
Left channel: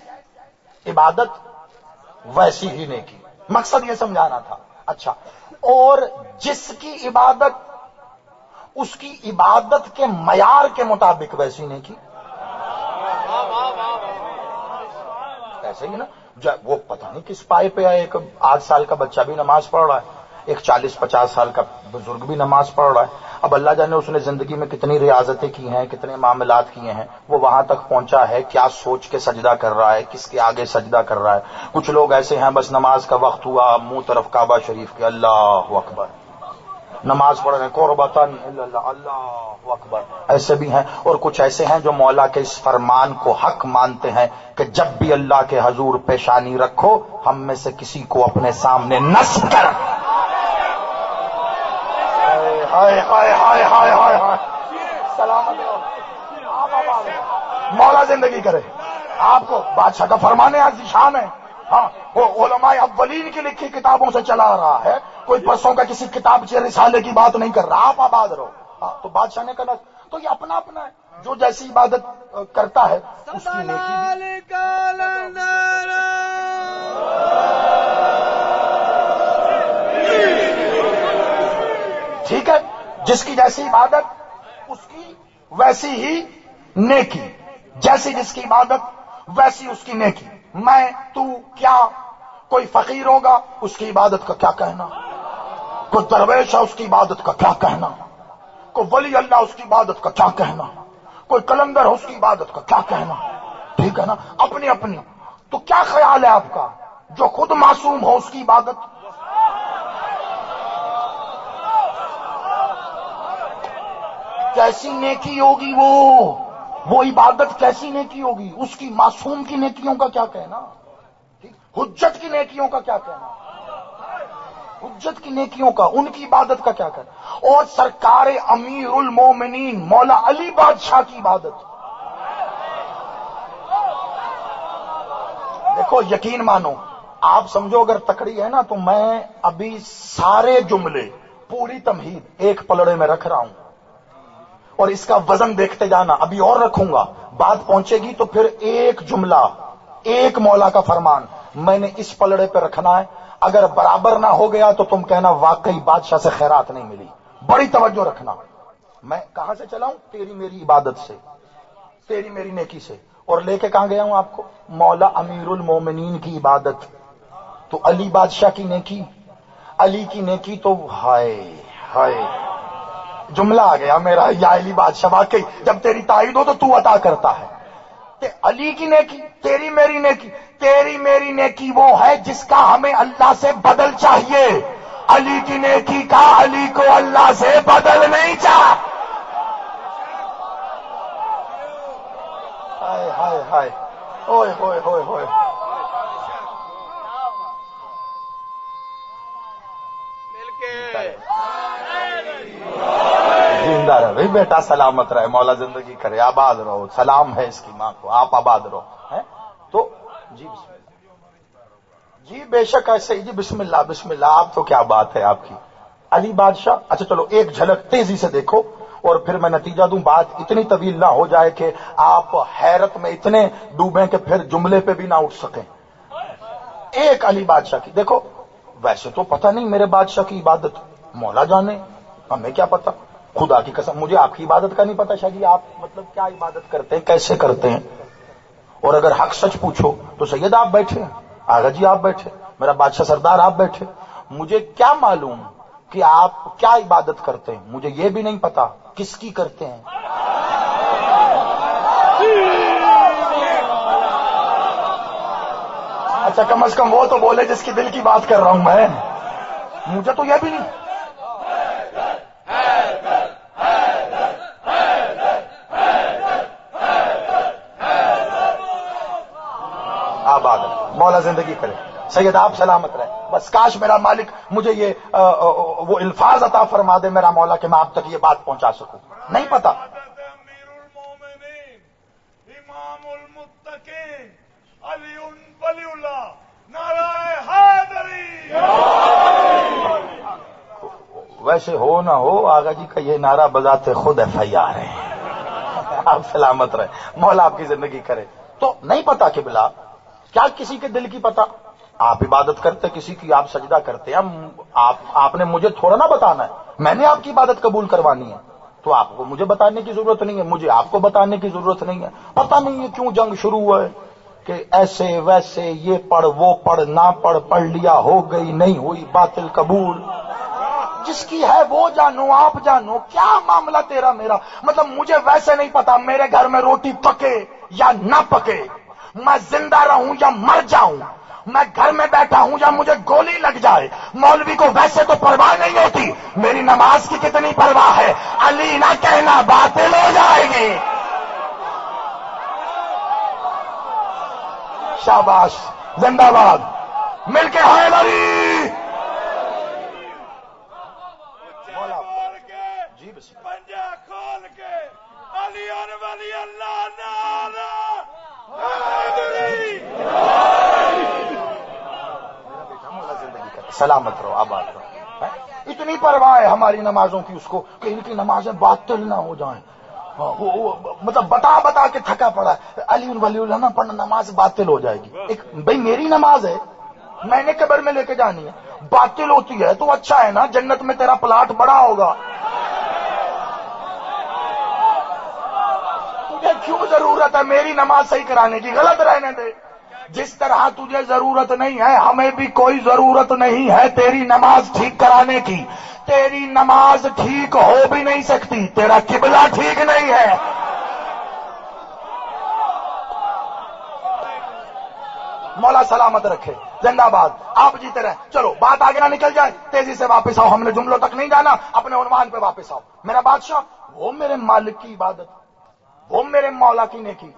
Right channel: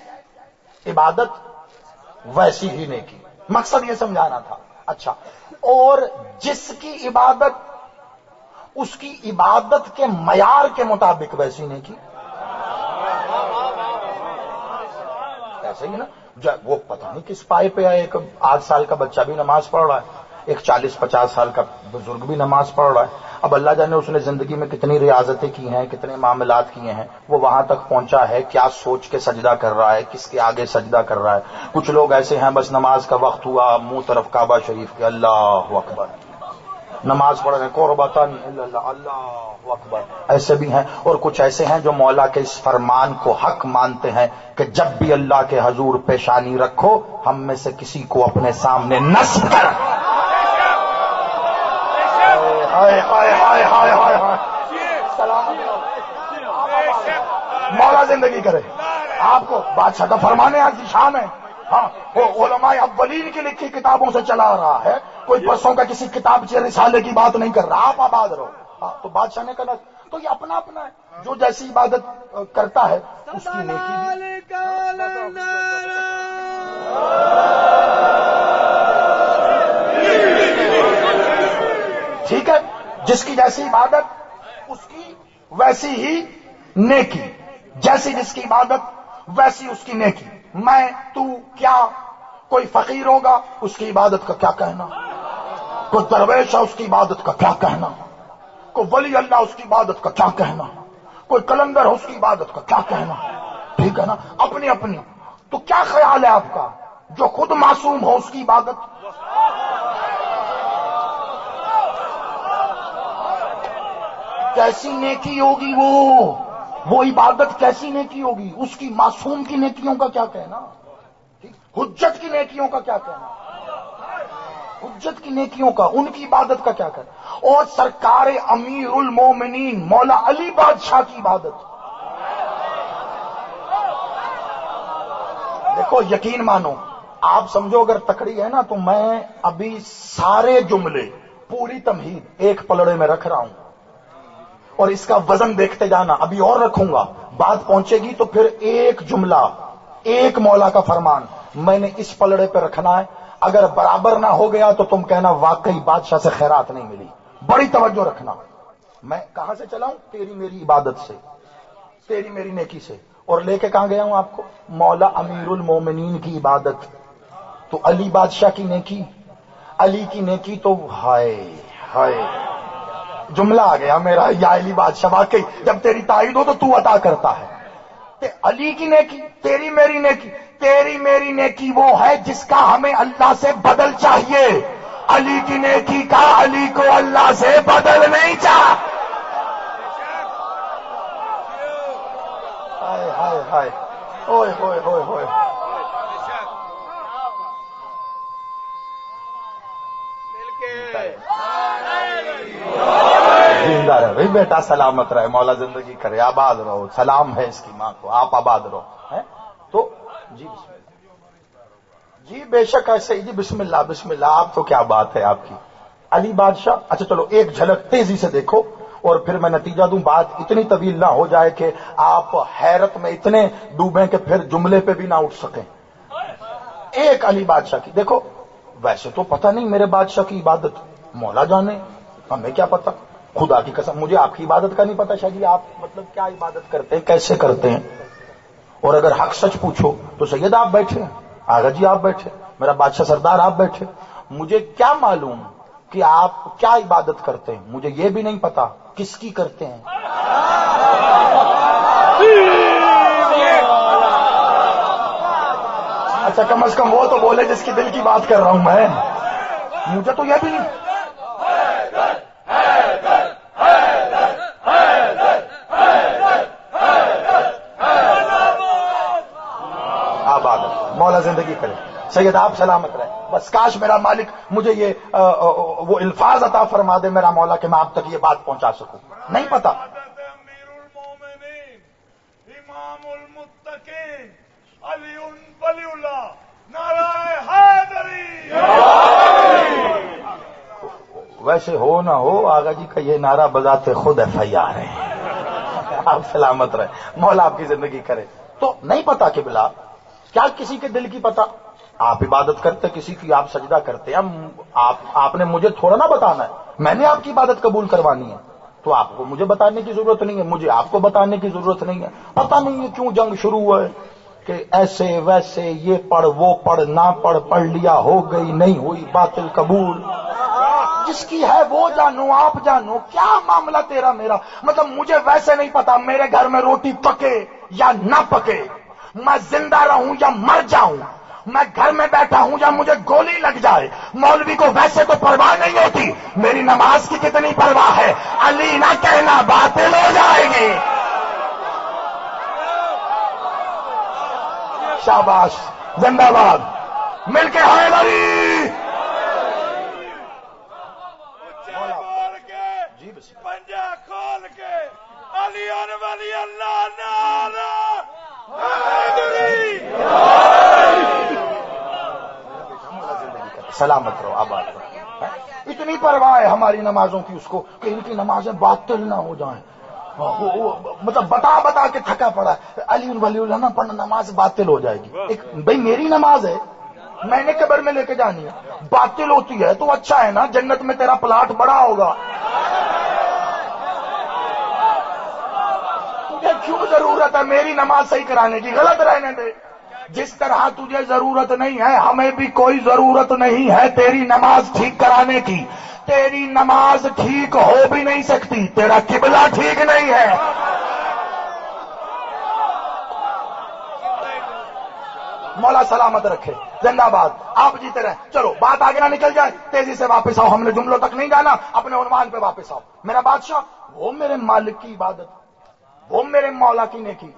عبادت ویسی ہی نیکی. مقصد یہ سمجھانا تھا. اچھا، اور جس کی عبادت اس کی عبادت کے معیار کے مطابق ویسی نیکی. ایسے ہی نا وہ پتہ نہیں کس پائے پہ آئے. ایک 8 سال کا بچہ بھی نماز پڑھ رہا ہے, ایک 40-50 سال کا بزرگ بھی نماز پڑھ رہا ہے. اب اللہ جانے اس نے زندگی میں کتنی ریاضتیں کی ہیں, کتنے معاملات کیے ہیں, وہ وہاں تک پہنچا ہے, کیا سوچ کے سجدہ کر رہا ہے, کس کے آگے سجدہ کر رہا ہے. کچھ لوگ ایسے ہیں بس نماز کا وقت ہوا منہ طرف کعبہ شریف کے, اللہ اکبر, نماز پڑھ رہے ہیں قربتاً اللہ, اللہ اکبر. ایسے بھی ہیں. اور کچھ ایسے ہیں جو مولا کے اس فرمان کو حق مانتے ہیں کہ جب بھی اللہ کے حضور پیشانی رکھو ہم میں سے کسی کو اپنے سامنے نصب کر. ہائے ہائے ہائے ہائے ہائے ہائے, سلامت مولا زندگی کرے. آپ کو بادشاہ کا فرمان شان ہے. ہاں, وہ علماء اولین کی لکھی کتابوں سے چلا آ رہا ہے. کوئی پرسوں کا کسی کتاب سے رسالے کی بات نہیں کر رہا. آپ آباد رہو. تو بادشاہ نے کہا تو یہ اپنا اپنا ہے. جو جیسی عبادت کرتا ہے اس کی نیکی بھی. ٹھیک ہے, جس کی جیسی عبادت اس کی ویسی ہی نیکی. جیسی جس کی عبادت ویسی اس کی نیکی. میں تو کیا, کوئی فقیر ہوگا اس کی عبادت کا کیا کہنا, کوئی درویش ہے اس کی عبادت کا کیا کہنا, کوئی ولی اللہ اس کی عبادت کا کیا کہنا, کوئی کلندر ہے اس کی عبادت کا کیا کہنا. ٹھیک ہے نا, اپنی اپنی. تو کیا خیال ہے آپ کا جو خود معصوم ہو اس کی عبادت کیسی نیکی ہوگی, وہ عبادت کیسی نیکی ہوگی. اس کی معصوم کی نیکیوں کا کیا کہنا, حجت کی نیکیوں کا کیا کہنا, حجت کی نیکیوں کا, ان کی عبادت کا کیا کہنا. اور سرکار امیر المومنین مولا علی بادشاہ کی عبادت. دیکھو یقین مانو, آپ سمجھو اگر تکڑی ہے نا تو میں ابھی سارے جملے پوری تمہید ایک پلڑے میں رکھ رہا ہوں اور اس کا وزن دیکھتے جانا. ابھی اور رکھوں گا, بات پہنچے گی تو پھر ایک جملہ ایک مولا کا فرمان میں نے اس پلڑے پہ رکھنا ہے. اگر برابر نہ ہو گیا تو تم کہنا واقعی بادشاہ سے خیرات نہیں ملی. بڑی توجہ رکھنا. میں کہاں سے چلا ہوں, تیری میری عبادت سے, تیری میری نیکی سے. اور لے کے کہاں گیا ہوں آپ کو, مولا امیر المومنین کی عبادت. تو علی بادشاہ کی نیکی, علی کی نیکی تو ہائے ہائے, جملہ آ گیا میرا, یا علی بادشاہ واقعی جب تیری تائید ہو تو عطا کرتا ہے. علی کی نیکی, تیری میری نیکی. تیری میری نیکی وہ ہے جس کا ہمیں اللہ سے بدل چاہیے. علی کی نیکی کا علی کو اللہ سے بدل نہیں چاہ. ہائے ہائے ہائے, اوئے ہوئے ہوئے ہوئے. زندہ رہے بھائی بیٹا, سلامت رہے, مولا زندگی کرے, آباد رہو. سلام ہے اس کی ماں کو, آپ آباد رہو. تو جی بسم اللہ, جی بے شک ایسے ہی, جی بسم اللہ بسم اللہ. آپ تو کیا بات ہے آپ کی, علی بادشاہ. اچھا چلو ایک جھلک تیزی سے دیکھو اور پھر میں نتیجہ دوں. بات اتنی طویل نہ ہو جائے کہ آپ حیرت میں اتنے ڈوبیں کہ پھر جملے پہ بھی نہ اٹھ سکیں. ایک علی بادشاہ کی دیکھو. ویسے تو پتہ نہیں میرے بادشاہ کی عبادت, مولا جانے, ہمیں کیا پتہ. خدا کی قسم مجھے آپ کی عبادت کا نہیں پتا. شاہ جی آپ مطلب کیا عبادت کرتے ہیں, کیسے کرتے ہیں. اور اگر حق سچ پوچھو تو سید آپ بیٹھے, آغا جی آپ بیٹھے, میرا بادشاہ سردار آپ بیٹھے. مجھے کیا معلوم کہ آپ کیا عبادت کرتے ہیں, مجھے یہ بھی نہیں پتا کس کی کرتے ہیں. اچھا کم از کم وہ تو بولے جس کی دل کی بات کر رہا ہوں میں, مجھے تو یہ بھی نہیں. آباد مولا زندگی کرے, سید آپ سلامت رہے. بس کاش میرا مالک مجھے یہ وہ الفاظ عطا فرما دے میرا مولا کہ میں آپ تک یہ بات پہنچا سکوں. نہیں پتا. امیر المومنین امام المتقین علی ولی اللہ نعرہ حیدری. ویسے ہو نہ ہو آغا جی کا یہ نعرہ بذات خود FIR ہے. آپ سلامت رہے, مولا آپ کی زندگی کرے. تو نہیں پتا کہ بلا کیا کسی کے دل کی پتا. آپ عبادت کرتے کسی کی, آپ سجدہ کرتے ہیں, آپ نے مجھے تھوڑا نہ بتانا ہے, میں نے آپ کی عبادت قبول کروانی ہے, تو آپ کو مجھے بتانے کی ضرورت نہیں ہے, مجھے آپ کو بتانے کی ضرورت نہیں ہے. پتہ نہیں ہے کیوں جنگ شروع ہوا ہے کہ ایسے ویسے, یہ پڑھ وہ پڑھ, نہ پڑھ لیا, ہو گئی نہیں ہوئی, باطل قبول. جس کی ہے وہ جانو, آپ جانو, کیا معاملہ تیرا میرا. مطلب مجھے ویسے نہیں پتا میرے گھر میں روٹی پکے یا نہ پکے, میں زندہ رہوں یا مر جاؤں, میں گھر میں بیٹھا ہوں یا مجھے گولی لگ جائے. مولوی کو ویسے تو پرواہ نہیں ہوتی, میری نماز کی کتنی پرواہ ہے. علی نہ کہنا باطل ہو جائے گی. شاباش, زندہ باد, مل کے حیدری. پنجہ کھول کے علی ولی اللہ نعرہ حیدری. سلامت رہو, آباد رہو. اتنی پرواہ ہے ہماری نمازوں کی اس کو کہ ان کی نمازیں باطل نہ ہو جائیں. مطلب بتا بتا کے تھکا پڑا ہے, علی ولی اللہ نہ پڑھنا نماز باطل ہو جائے گی. ایک بھائی میری نماز ہے, میں نے قبر میں لے کے جانی ہے, باطل ہوتی ہے تو اچھا ہے نا, جنت میں تیرا پلاٹ بڑا ہوگا. تجھے کیوں ضرورت ہے میری نماز صحیح کرانے کی؟ غلط رہنے دے. جس طرح تجھے ضرورت نہیں ہے ہمیں بھی کوئی ضرورت نہیں ہے تیری نماز ٹھیک کرانے کی. تیری نماز ٹھیک ہو بھی نہیں سکتی, تیرا قبلہ ٹھیک نہیں ہے. مولا سلامت رکھے, زندہ باد, آپ جیتے رہے. چلو بات آگے نہ نکل جائے, تیزی سے واپس آؤ, ہم نے جملوں تک نہیں جانا, اپنے عنوان پہ واپس آؤ. میرا بادشاہ وہ میرے مالک کی عبادت, وہ میرے مولا کی نیکی,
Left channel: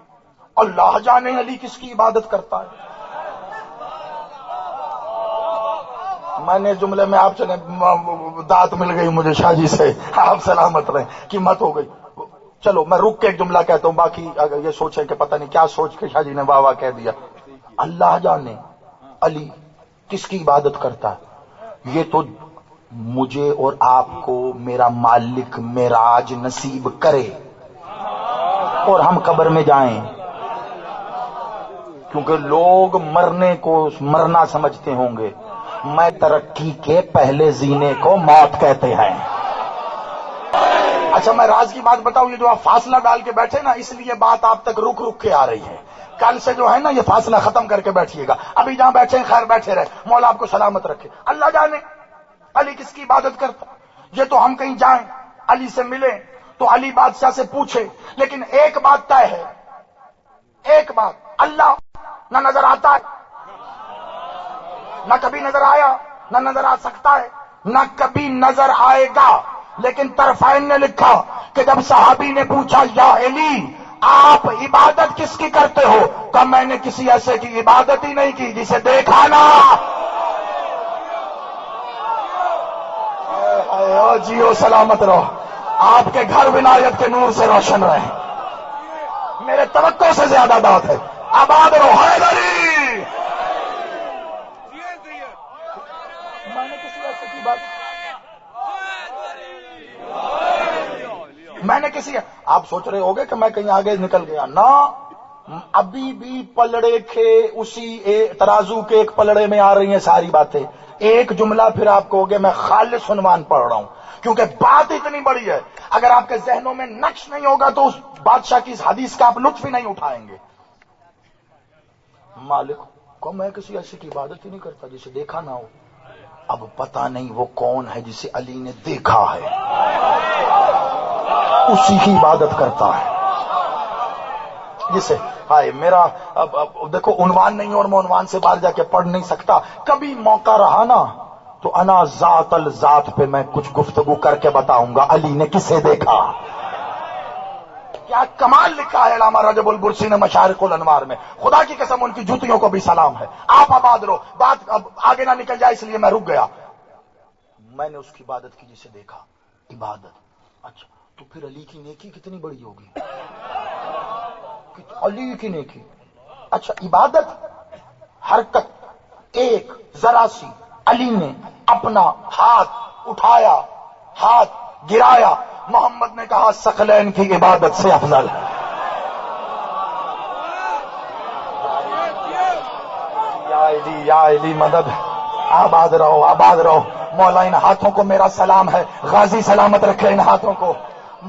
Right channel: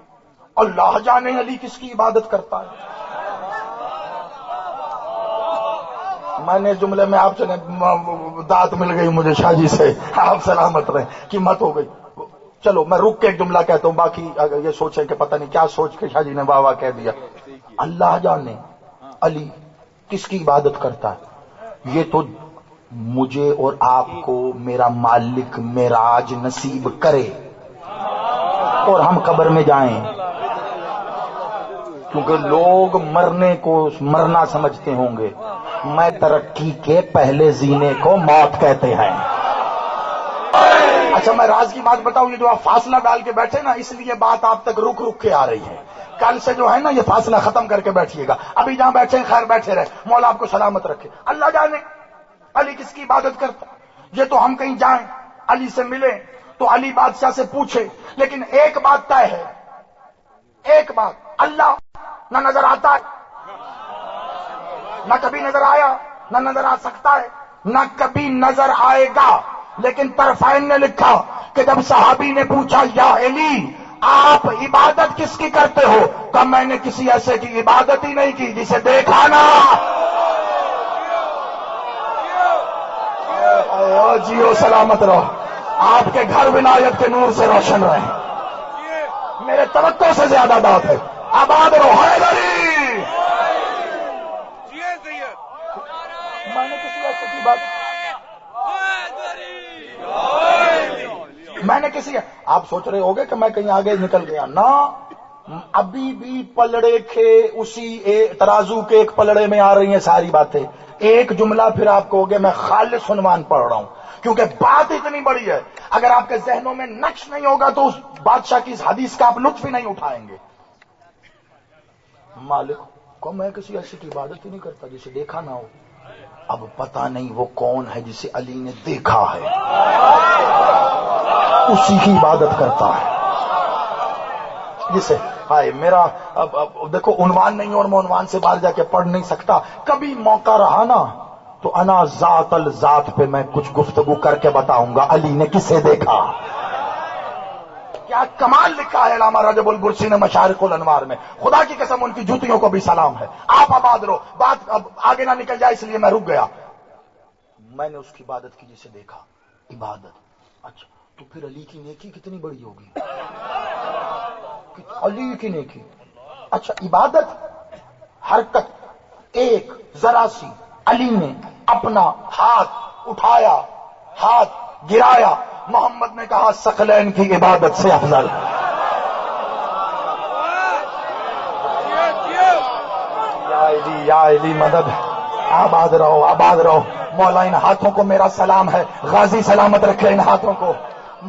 اللہ جانے علی کس کی عبادت کرتا ہے. میں نے جملے میں آپ سے دات مل گئی مجھے شاہ جی سے, آپ سلامت رہیں, قیمت ہو گئی. چلو میں رک کے ایک جملہ کہتا ہوں, باقی اگر یہ سوچیں کہ پتہ نہیں کیا سوچ کے شاہ جی نے واہ واہ کہہ دیا. اللہ جانے علی کس کی عبادت کرتا ہے, یہ تو مجھے اور آپ کو میرا مالک معراج نصیب کرے اور ہم قبر میں جائیں. کیونکہ لوگ مرنے کو مرنا سمجھتے ہوں گے, میں ترقی کے پہلے زینے کو موت کہتے ہیں. اچھا میں راز کی بات بتاؤں, یہ جو آپ فاصلہ ڈال کے بیٹھے نا, اس لیے بات آپ تک رک رک کے آ رہی ہے. کل سے جو ہے نا یہ فاصلہ ختم کر کے بیٹھیے گا. ابھی جہاں بیٹھے ہیں خیر بیٹھے رہے, مولا آپ کو سلامت رکھے. اللہ جانے علی کس کی عبادت کرتا. یہ تو ہم کہیں جائیں علی سے ملیں تو علی بادشاہ سے پوچھے, لیکن ایک بات طے ہے, ایک بات, اللہ نہ نظر آتا ہے, نہ کبھی نظر آیا, نہ نظر آ سکتا ہے, نہ کبھی نظر آئے گا. لیکن طرفین نے لکھا کہ جب صحابی نے پوچھا یا علی آپ عبادت کس کی کرتے ہو, کہا میں نے کسی ایسے کی عبادت ہی نہیں کی جسے دیکھا نا. جیو سلامت رہو, آپ کے گھر ولایت کے نور سے روشن رہے, میرے توقع سے زیادہ بات ہے. آباد رہو حیدری. میں نے کسی ایسے کی بات, میں نے کسی, آپ سوچ رہے ہوگے کہ میں کہیں آگے نکل گیا نا, ابھی بھی پلڑے کے اسی ترازو کے ایک پلڑے میں آ رہی ہیں ساری باتیں. ایک جملہ پھر آپ کو ہوگے میں خالص عنوان پڑھ رہا ہوں, کیونکہ بات اتنی بڑی ہے. اگر آپ کے ذہنوں میں نقش نہیں ہوگا تو اس بادشاہ کی اس حدیث کا آپ لطف ہی نہیں اٹھائیں گے. مالک کو میں کسی ایسے کی عبادت ہی نہیں کرتا جسے دیکھا نہ ہو. اب پتہ نہیں وہ کون ہے جسے علی نے دیکھا ہے, اسی کی عبادت کرتا ہے. جسے ہائے میرا اب دیکھو عنوان نہیں اور میں عنوان سے باہر جا کے پڑھ نہیں سکتا. کبھی موقع رہا نا تو انا ذات الذات پہ میں کچھ گفتگو کر کے بتاؤں گا علی نے کسے دیکھا. کیا کمال لکھا ہے علامہ رجب البرسی نے مشارق الانوار میں, خدا کی قسم ان کی جوتیوں کو بھی سلام ہے. آپ آباد رہو, بات اب آگے نہ نکل جائے اس لیے میں رک گیا. میں نے اس کی عبادت کی جسے دیکھا. عبادت, اچھا تو پھر علی کی نیکی کتنی بڑی ہوگی؟ علی کی نیکی. اچھا عبادت حرکت ایک ذرا سی، علی نے اپنا ہاتھ اٹھایا، ہاتھ گرایا، محمد نے کہا ثقلین کی عبادت سے افضل ہے. یا علی مدد. آباد رہو آباد رہو. مولا ان ہاتھوں کو میرا سلام ہے، غازی سلامت رکھے ان ہاتھوں کو.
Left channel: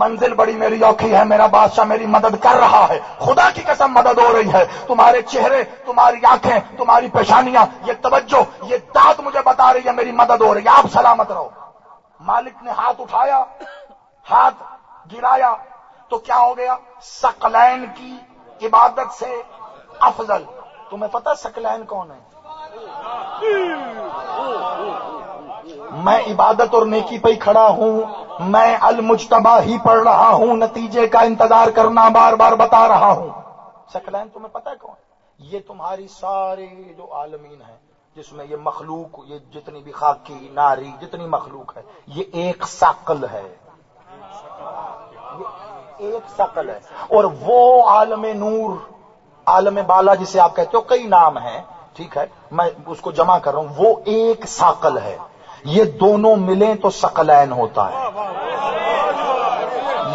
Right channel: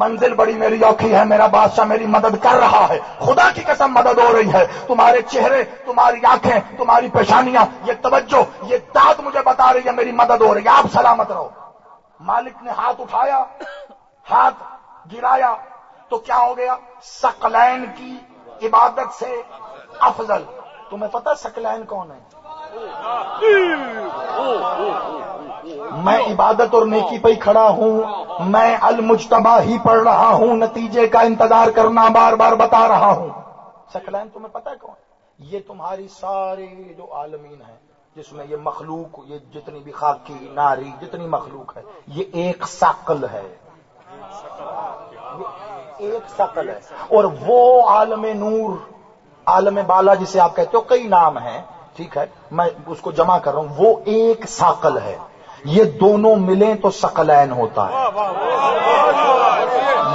منزل بڑی میری اوکھی ہے، میرا بادشاہ میری مدد کر رہا ہے، خدا کی قسم مدد ہو رہی ہے. تمہارے چہرے، تمہاری آنکھیں، تمہاری پیشانیاں، یہ توجہ، یہ داد مجھے بتا رہی ہے میری مدد ہو رہی ہے. آپ سلامت رہو. مالک نے ہاتھ اٹھایا، ہاتھ گرایا، تو کیا ہو گیا؟ ثقلین کی عبادت سے افضل. تمہیں پتہ ثقلین کون ہے؟ میں عبادت اور نیکی پہ ہی کھڑا ہوں، میں المجتبی ہی پڑھ رہا ہوں، نتیجے کا انتظار کرنا بار بار بتا رہا ہوں. ثقلین تمہیں پتہ ہے کون؟ یہ تمہاری ساری جو عالمین ہیں، جس میں یہ مخلوق، یہ جتنی بھی خاکی ناری جتنی مخلوق ہے، یہ ایک ثقل ہے، یہ ایک ثقل ہے. اور وہ عالم نور، عالم بالا جسے آپ کہتے ہو، کئی نام ہیں، ٹھیک ہے، میں اس کو جمع کر رہا ہوں، وہ ایک ثقل ہے. یہ دونوں ملیں تو ثقلین ہوتا ہے.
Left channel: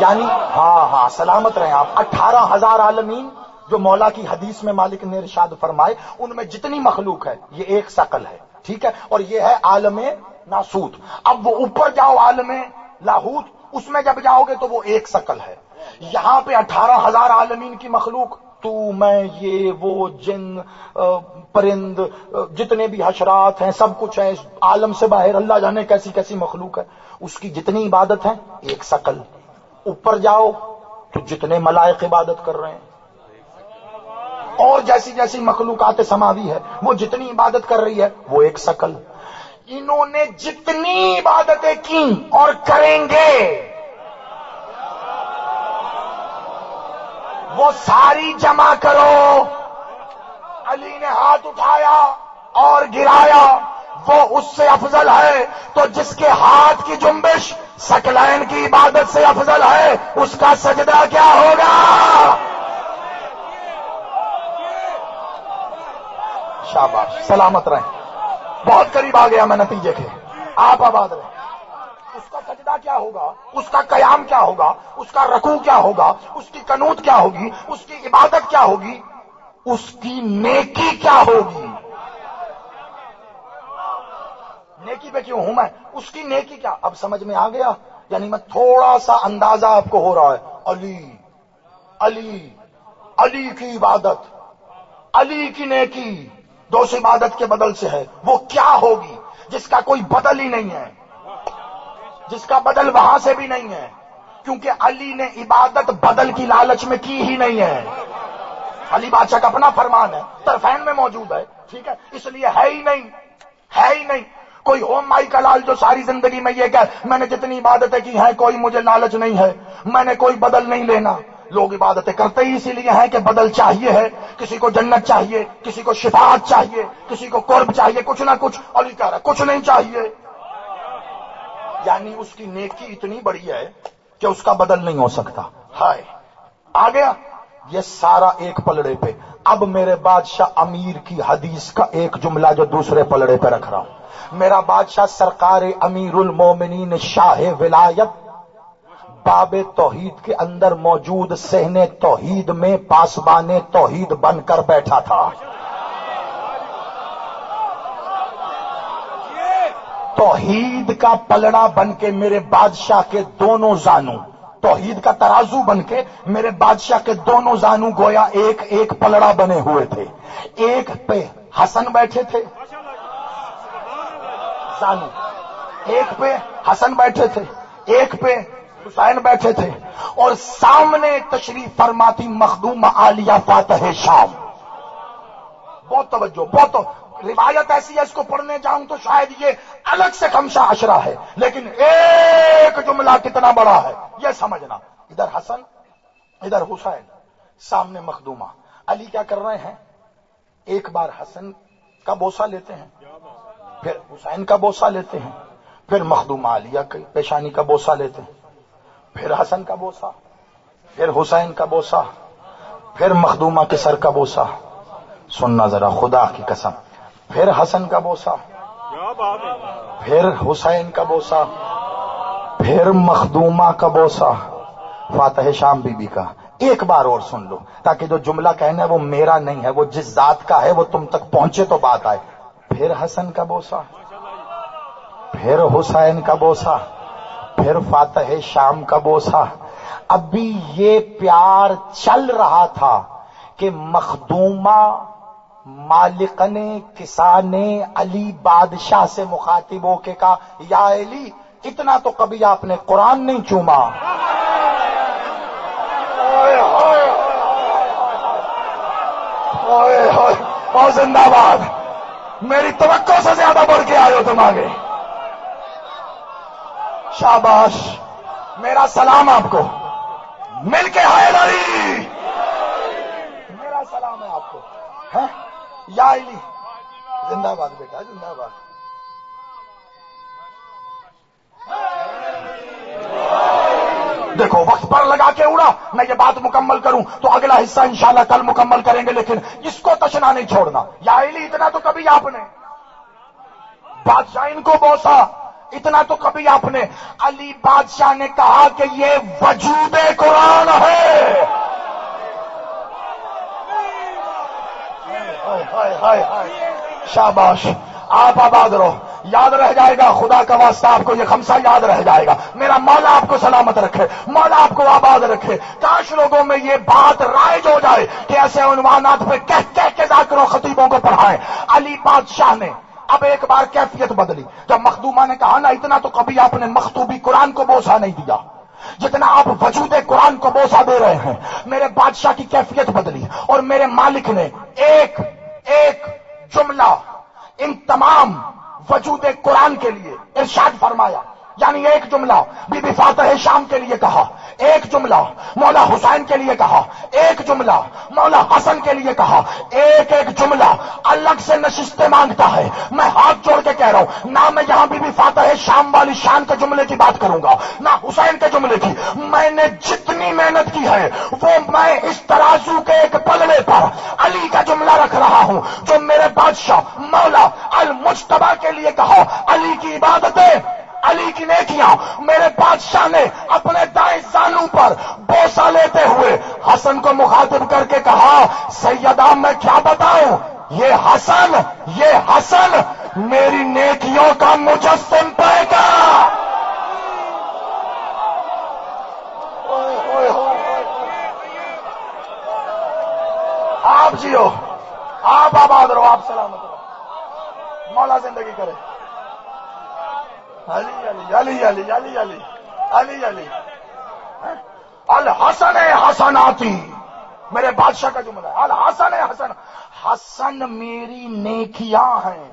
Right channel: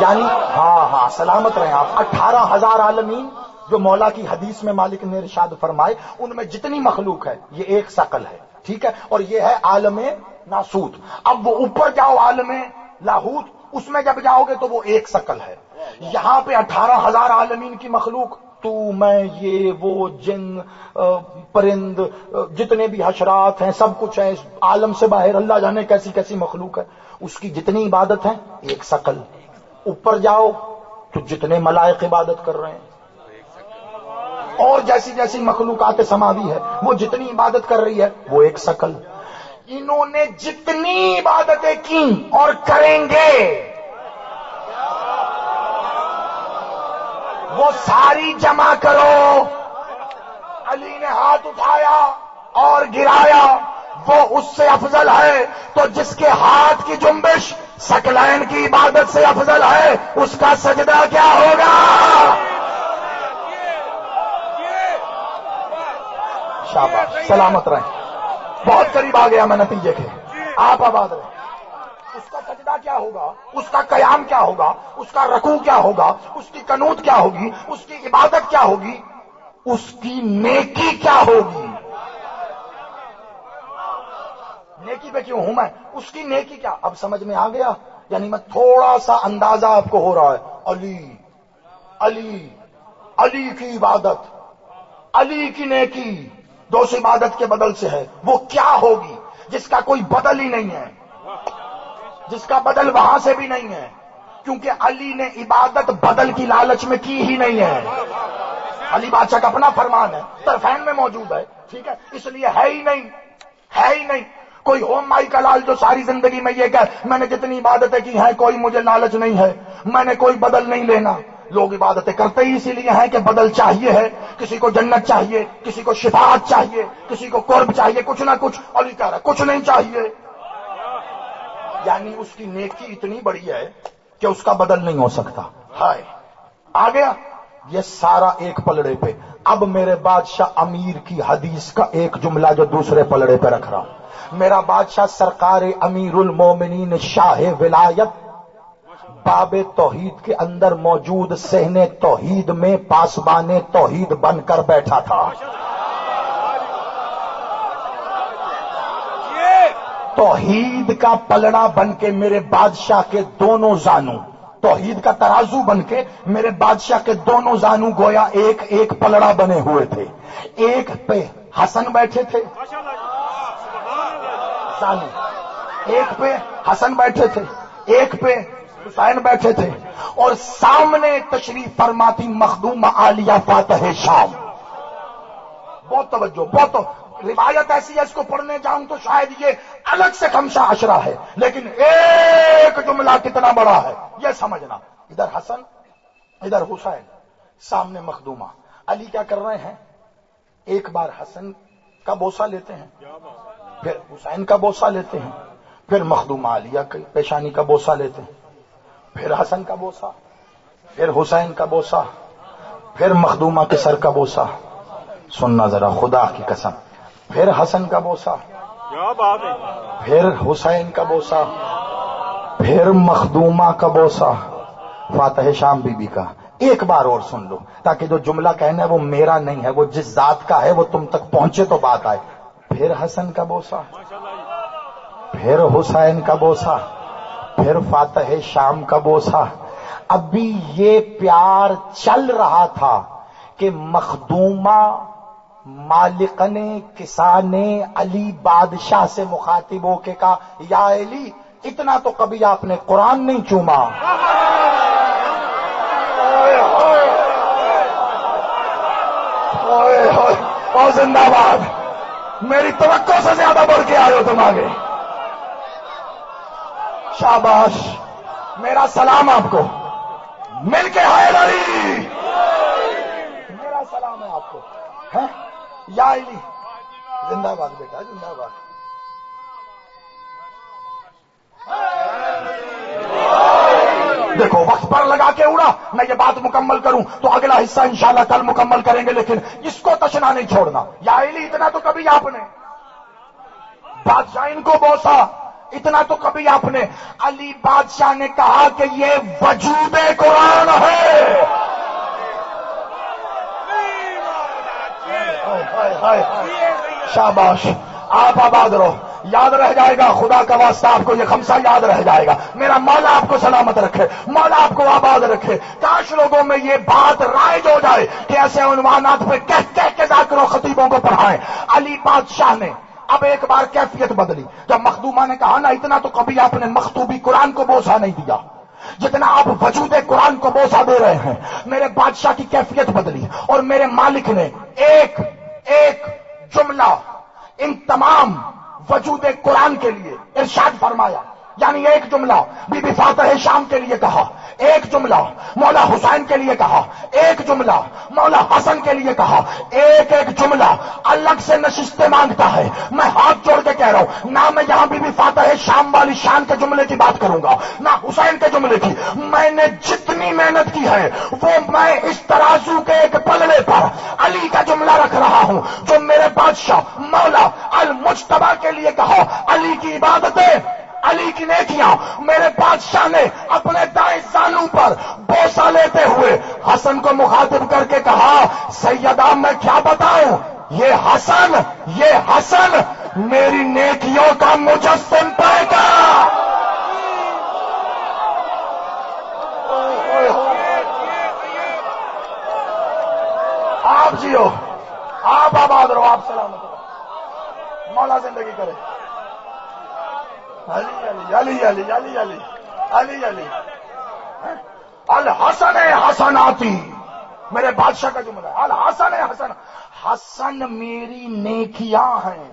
یعنی ہاں سلامت رہیں آپ. 18,000 عالمین جو مولا کی حدیث میں مالک نے ارشاد فرمائے، ان میں جتنی مخلوق ہے یہ ایک ثقل ہے، ٹھیک ہے. اور یہ ہے عالم ناسوت. اب وہ اوپر جاؤ عالم لاہوت، اس میں جب جاؤ گے تو وہ ایک ثقل ہے. یہاں پہ 18,000 عالمین کی مخلوق، تو میں یہ وہ جن پرند جتنے بھی حشرات ہیں سب کچھ ہے اس عالم سے باہر، اللہ جانے کیسی کیسی مخلوق ہے، اس کی جتنی عبادت ہے ایک ثقل. اوپر جاؤ تو جتنے ملائک عبادت کر رہے ہیں، اور جیسی جیسی مخلوقات سماوی ہے وہ جتنی عبادت کر رہی ہے وہ ایک ثقل. انہوں نے جتنی عبادتیں کی اور کریں گے وہ ساری جمع کرو. علی نے ہاتھ اٹھایا اور گرایا، وہ اس سے افضل ہے. تو جس کے ہاتھ کی جنبش ثقلین کی عبادت سے افضل ہے، اس کا سجدہ کیا ہوگا؟ شاباش، سلامت رہیں. بہت قریب آ گیا میں نتیجے کے. آپ آباد رہیں. اس کا سجدہ کیا ہوگا؟ اس کا قیام کیا ہوگا؟ اس کا رکوع کیا ہوگا؟ اس کی قنوت کیا ہوگی؟ اس کی عبادت کیا ہوگی؟ اس کی نیکی کیا ہوگی؟ نیکی پہ کیوں ہوں میں؟ اس کی نیکی کیا؟ اب سمجھ میں آ گیا. یعنی میں تھوڑا سا اندازہ آپ کو ہو رہا ہے. علی علی علی کی عبادت، علی کی نیکی دو سے عبادت کے بدل سے ہے، وہ کیا ہوگی جس کا کوئی بدل ہی نہیں ہے، جس کا بدل وہاں سے بھی نہیں ہے، کیونکہ علی نے عبادت بدل کی لالچ میں کی ہی نہیں ہے. علی بادشاہ کا اپنا فرمان ہے، طرفین میں موجود ہے، ٹھیک ہے، اس لیے ہے ہی نہیں کوئی ہوم مائی کا لال جو ساری زندگی میں یہ کہ میں نے جتنی عبادتیں کی ہیں کوئی مجھے لالچ نہیں ہے، میں نے کوئی بدل نہیں لینا. لوگ عبادتیں کرتے ہی اسی لیے ہیں کہ بدل چاہیے ہے. کسی کو جنت چاہیے، کسی کو شفاعت چاہیے، کسی کو قرب چاہیے، کچھ نہ کچھ. علی کہہ رہا ہے کچھ نہیں چاہیے. یعنی اس کی نیکی اتنی بڑی ہے کہ اس کا بدل نہیں ہو سکتا. ہائے آ گیا یہ سارا ایک پلڑے پہ. اب میرے بادشاہ امیر کی حدیث کا ایک جملہ جو دوسرے پلڑے پہ رکھ رہا ہوں. میرا بادشاہ سرکار امیر المومنین شاہ ولایت باب توحید کے اندر موجود صحن توحید میں پاسبان توحید بن کر بیٹھا تھا. توحید کا پلڑا بن کے میرے بادشاہ کے دونوں زانوں، توحید کا ترازو بن کے میرے بادشاہ کے دونوں زانوں گویا ایک ایک پلڑا بنے ہوئے تھے. ایک پہ حسن بیٹھے تھے زانو، ایک پہ حسن بیٹھے تھے، ایک پہ حسین بیٹھے تھے، اور سامنے تشریف فرماتی مخدومہ عالیہ فاتح شام. بہت توجہ، بہت روایت ایسی ہے اس کو پڑھنے جاؤں تو شاید یہ الگ سے خمسہ عشرہ ہے، لیکن ایک جملہ کتنا بڑا ہے یہ سمجھنا. ادھر حسن ادھر حسین، سامنے مخدومہ. علی کیا کر رہے ہیں؟ ایک بار حسن کا بوسہ لیتے ہیں، پھر حسین کا بوسہ لیتے ہیں، پھر مخدومہ عالیہ کی پیشانی کا بوسہ لیتے ہیں، پھر حسن کا بوسہ، پھر حسین کا بوسہ، پھر مخدومہ کے سر کا بوسہ. سننا ذرا خدا کی قسم، پھر حسن کا بوسہ، پھر حسین کا بوسہ، پھر مخدومہ کا بوسہ، فاتح شام بی بی کا. ایک بار اور سن لو تاکہ جو جملہ کہنا ہے وہ میرا نہیں ہے، وہ جس ذات کا ہے وہ تم تک پہنچے تو بات آئے. پھر حسن کا بوسہ، پھر حسین کا بوسہ، پھر فاتح شام کا بوسہ. ابھی یہ پیار چل رہا تھا کہ مخدومہ مالکن کسان علی بادشاہ سے مخاطب ہو کے کہا یا علی اتنا تو کبھی آپ نے قرآن نہیں چوما. اور زندہ باد، میری توقع سے زیادہ بڑھ کے آئے ہو تم آگے. شاباش، میرا سلام آپ کو، مل کے حیدری، میرا سلام ہے آپ کو. ہے یا علی، زندہ باد بیٹا، زندہ باد. دیکھو وقت پر لگا کے اڑا، میں یہ بات مکمل کروں تو اگلا حصہ انشاءاللہ کل مکمل کریں گے، لیکن اس کو تشنا نہیں چھوڑنا. یا علی اتنا تو کبھی آپ نے بادشاہ ان کو بوسا، اتنا تو کبھی آپ نے. علی بادشاہ نے کہا کہ یہ وجود قرآن ہے. شاباش، آپ آباد رہو، یاد رہ جائے گا. خدا کا واسطہ آپ کو یہ خمسہ یاد رہ جائے گا. میرا مولا آپ کو سلامت رکھے، مولا آپ کو آباد رکھے. کاش لوگوں میں یہ بات رائج ہو جائے کہ ایسے عنوانات پہ کہہ کے ذاکر و خطیبوں کو پڑھائیں. علی بادشاہ نے اب ایک بار کیفیت بدلی. جب مخدومہ نے کہا نا اتنا تو کبھی آپ نے مخطوبی قرآن کو بوسہ نہیں دیا جتنا آپ وجود قرآن کو بوسہ دے رہے ہیں. میرے بادشاہ کی کیفیت بدلی اور میرے مالک نے ایک ایک جملہ ان تمام وجود قرآن کے لیے ارشاد فرمایا. یعنی ایک جملہ بی بی فاتح شام کے لیے کہا، ایک جملہ مولا حسین کے لیے کہا، ایک جملہ مولا حسن کے لیے کہا. ایک ایک جملہ الگ سے نشستیں مانگتا ہے. میں ہاتھ جوڑ کے کہہ رہا ہوں، نہ میں یہاں بی بی فاتح شام والی شان کے جملے کی بات کروں گا نہ حسین کے جملے کی. میں نے جتنی محنت کی ہے وہ میں اس ترازو کے ایک پلڑے پر علی کا جملہ رکھ رہا ہوں جو میرے بادشاہ مولا المجتبی کے لیے کہا. علی کی عبادتیں، علی کی نیکیاں. میرے بادشاہ نے اپنے دائیں زانو پر بوسہ لیتے ہوئے حسن کو مخاطب کر کے کہا سیدہ میں کیا بتاؤں، یہ حسن میری نیکیوں کا مجسم پائے گا. آپ جیو، آپ آباد رہو، آپ سلامت رہو، مولا زندگی کرے. علی علی علی علی علی علی علی علی الحسن حسناتی، میرے بادشاہ کا جملہ ہے. الحسن حسن، حسن میری نیکیاں ہیں.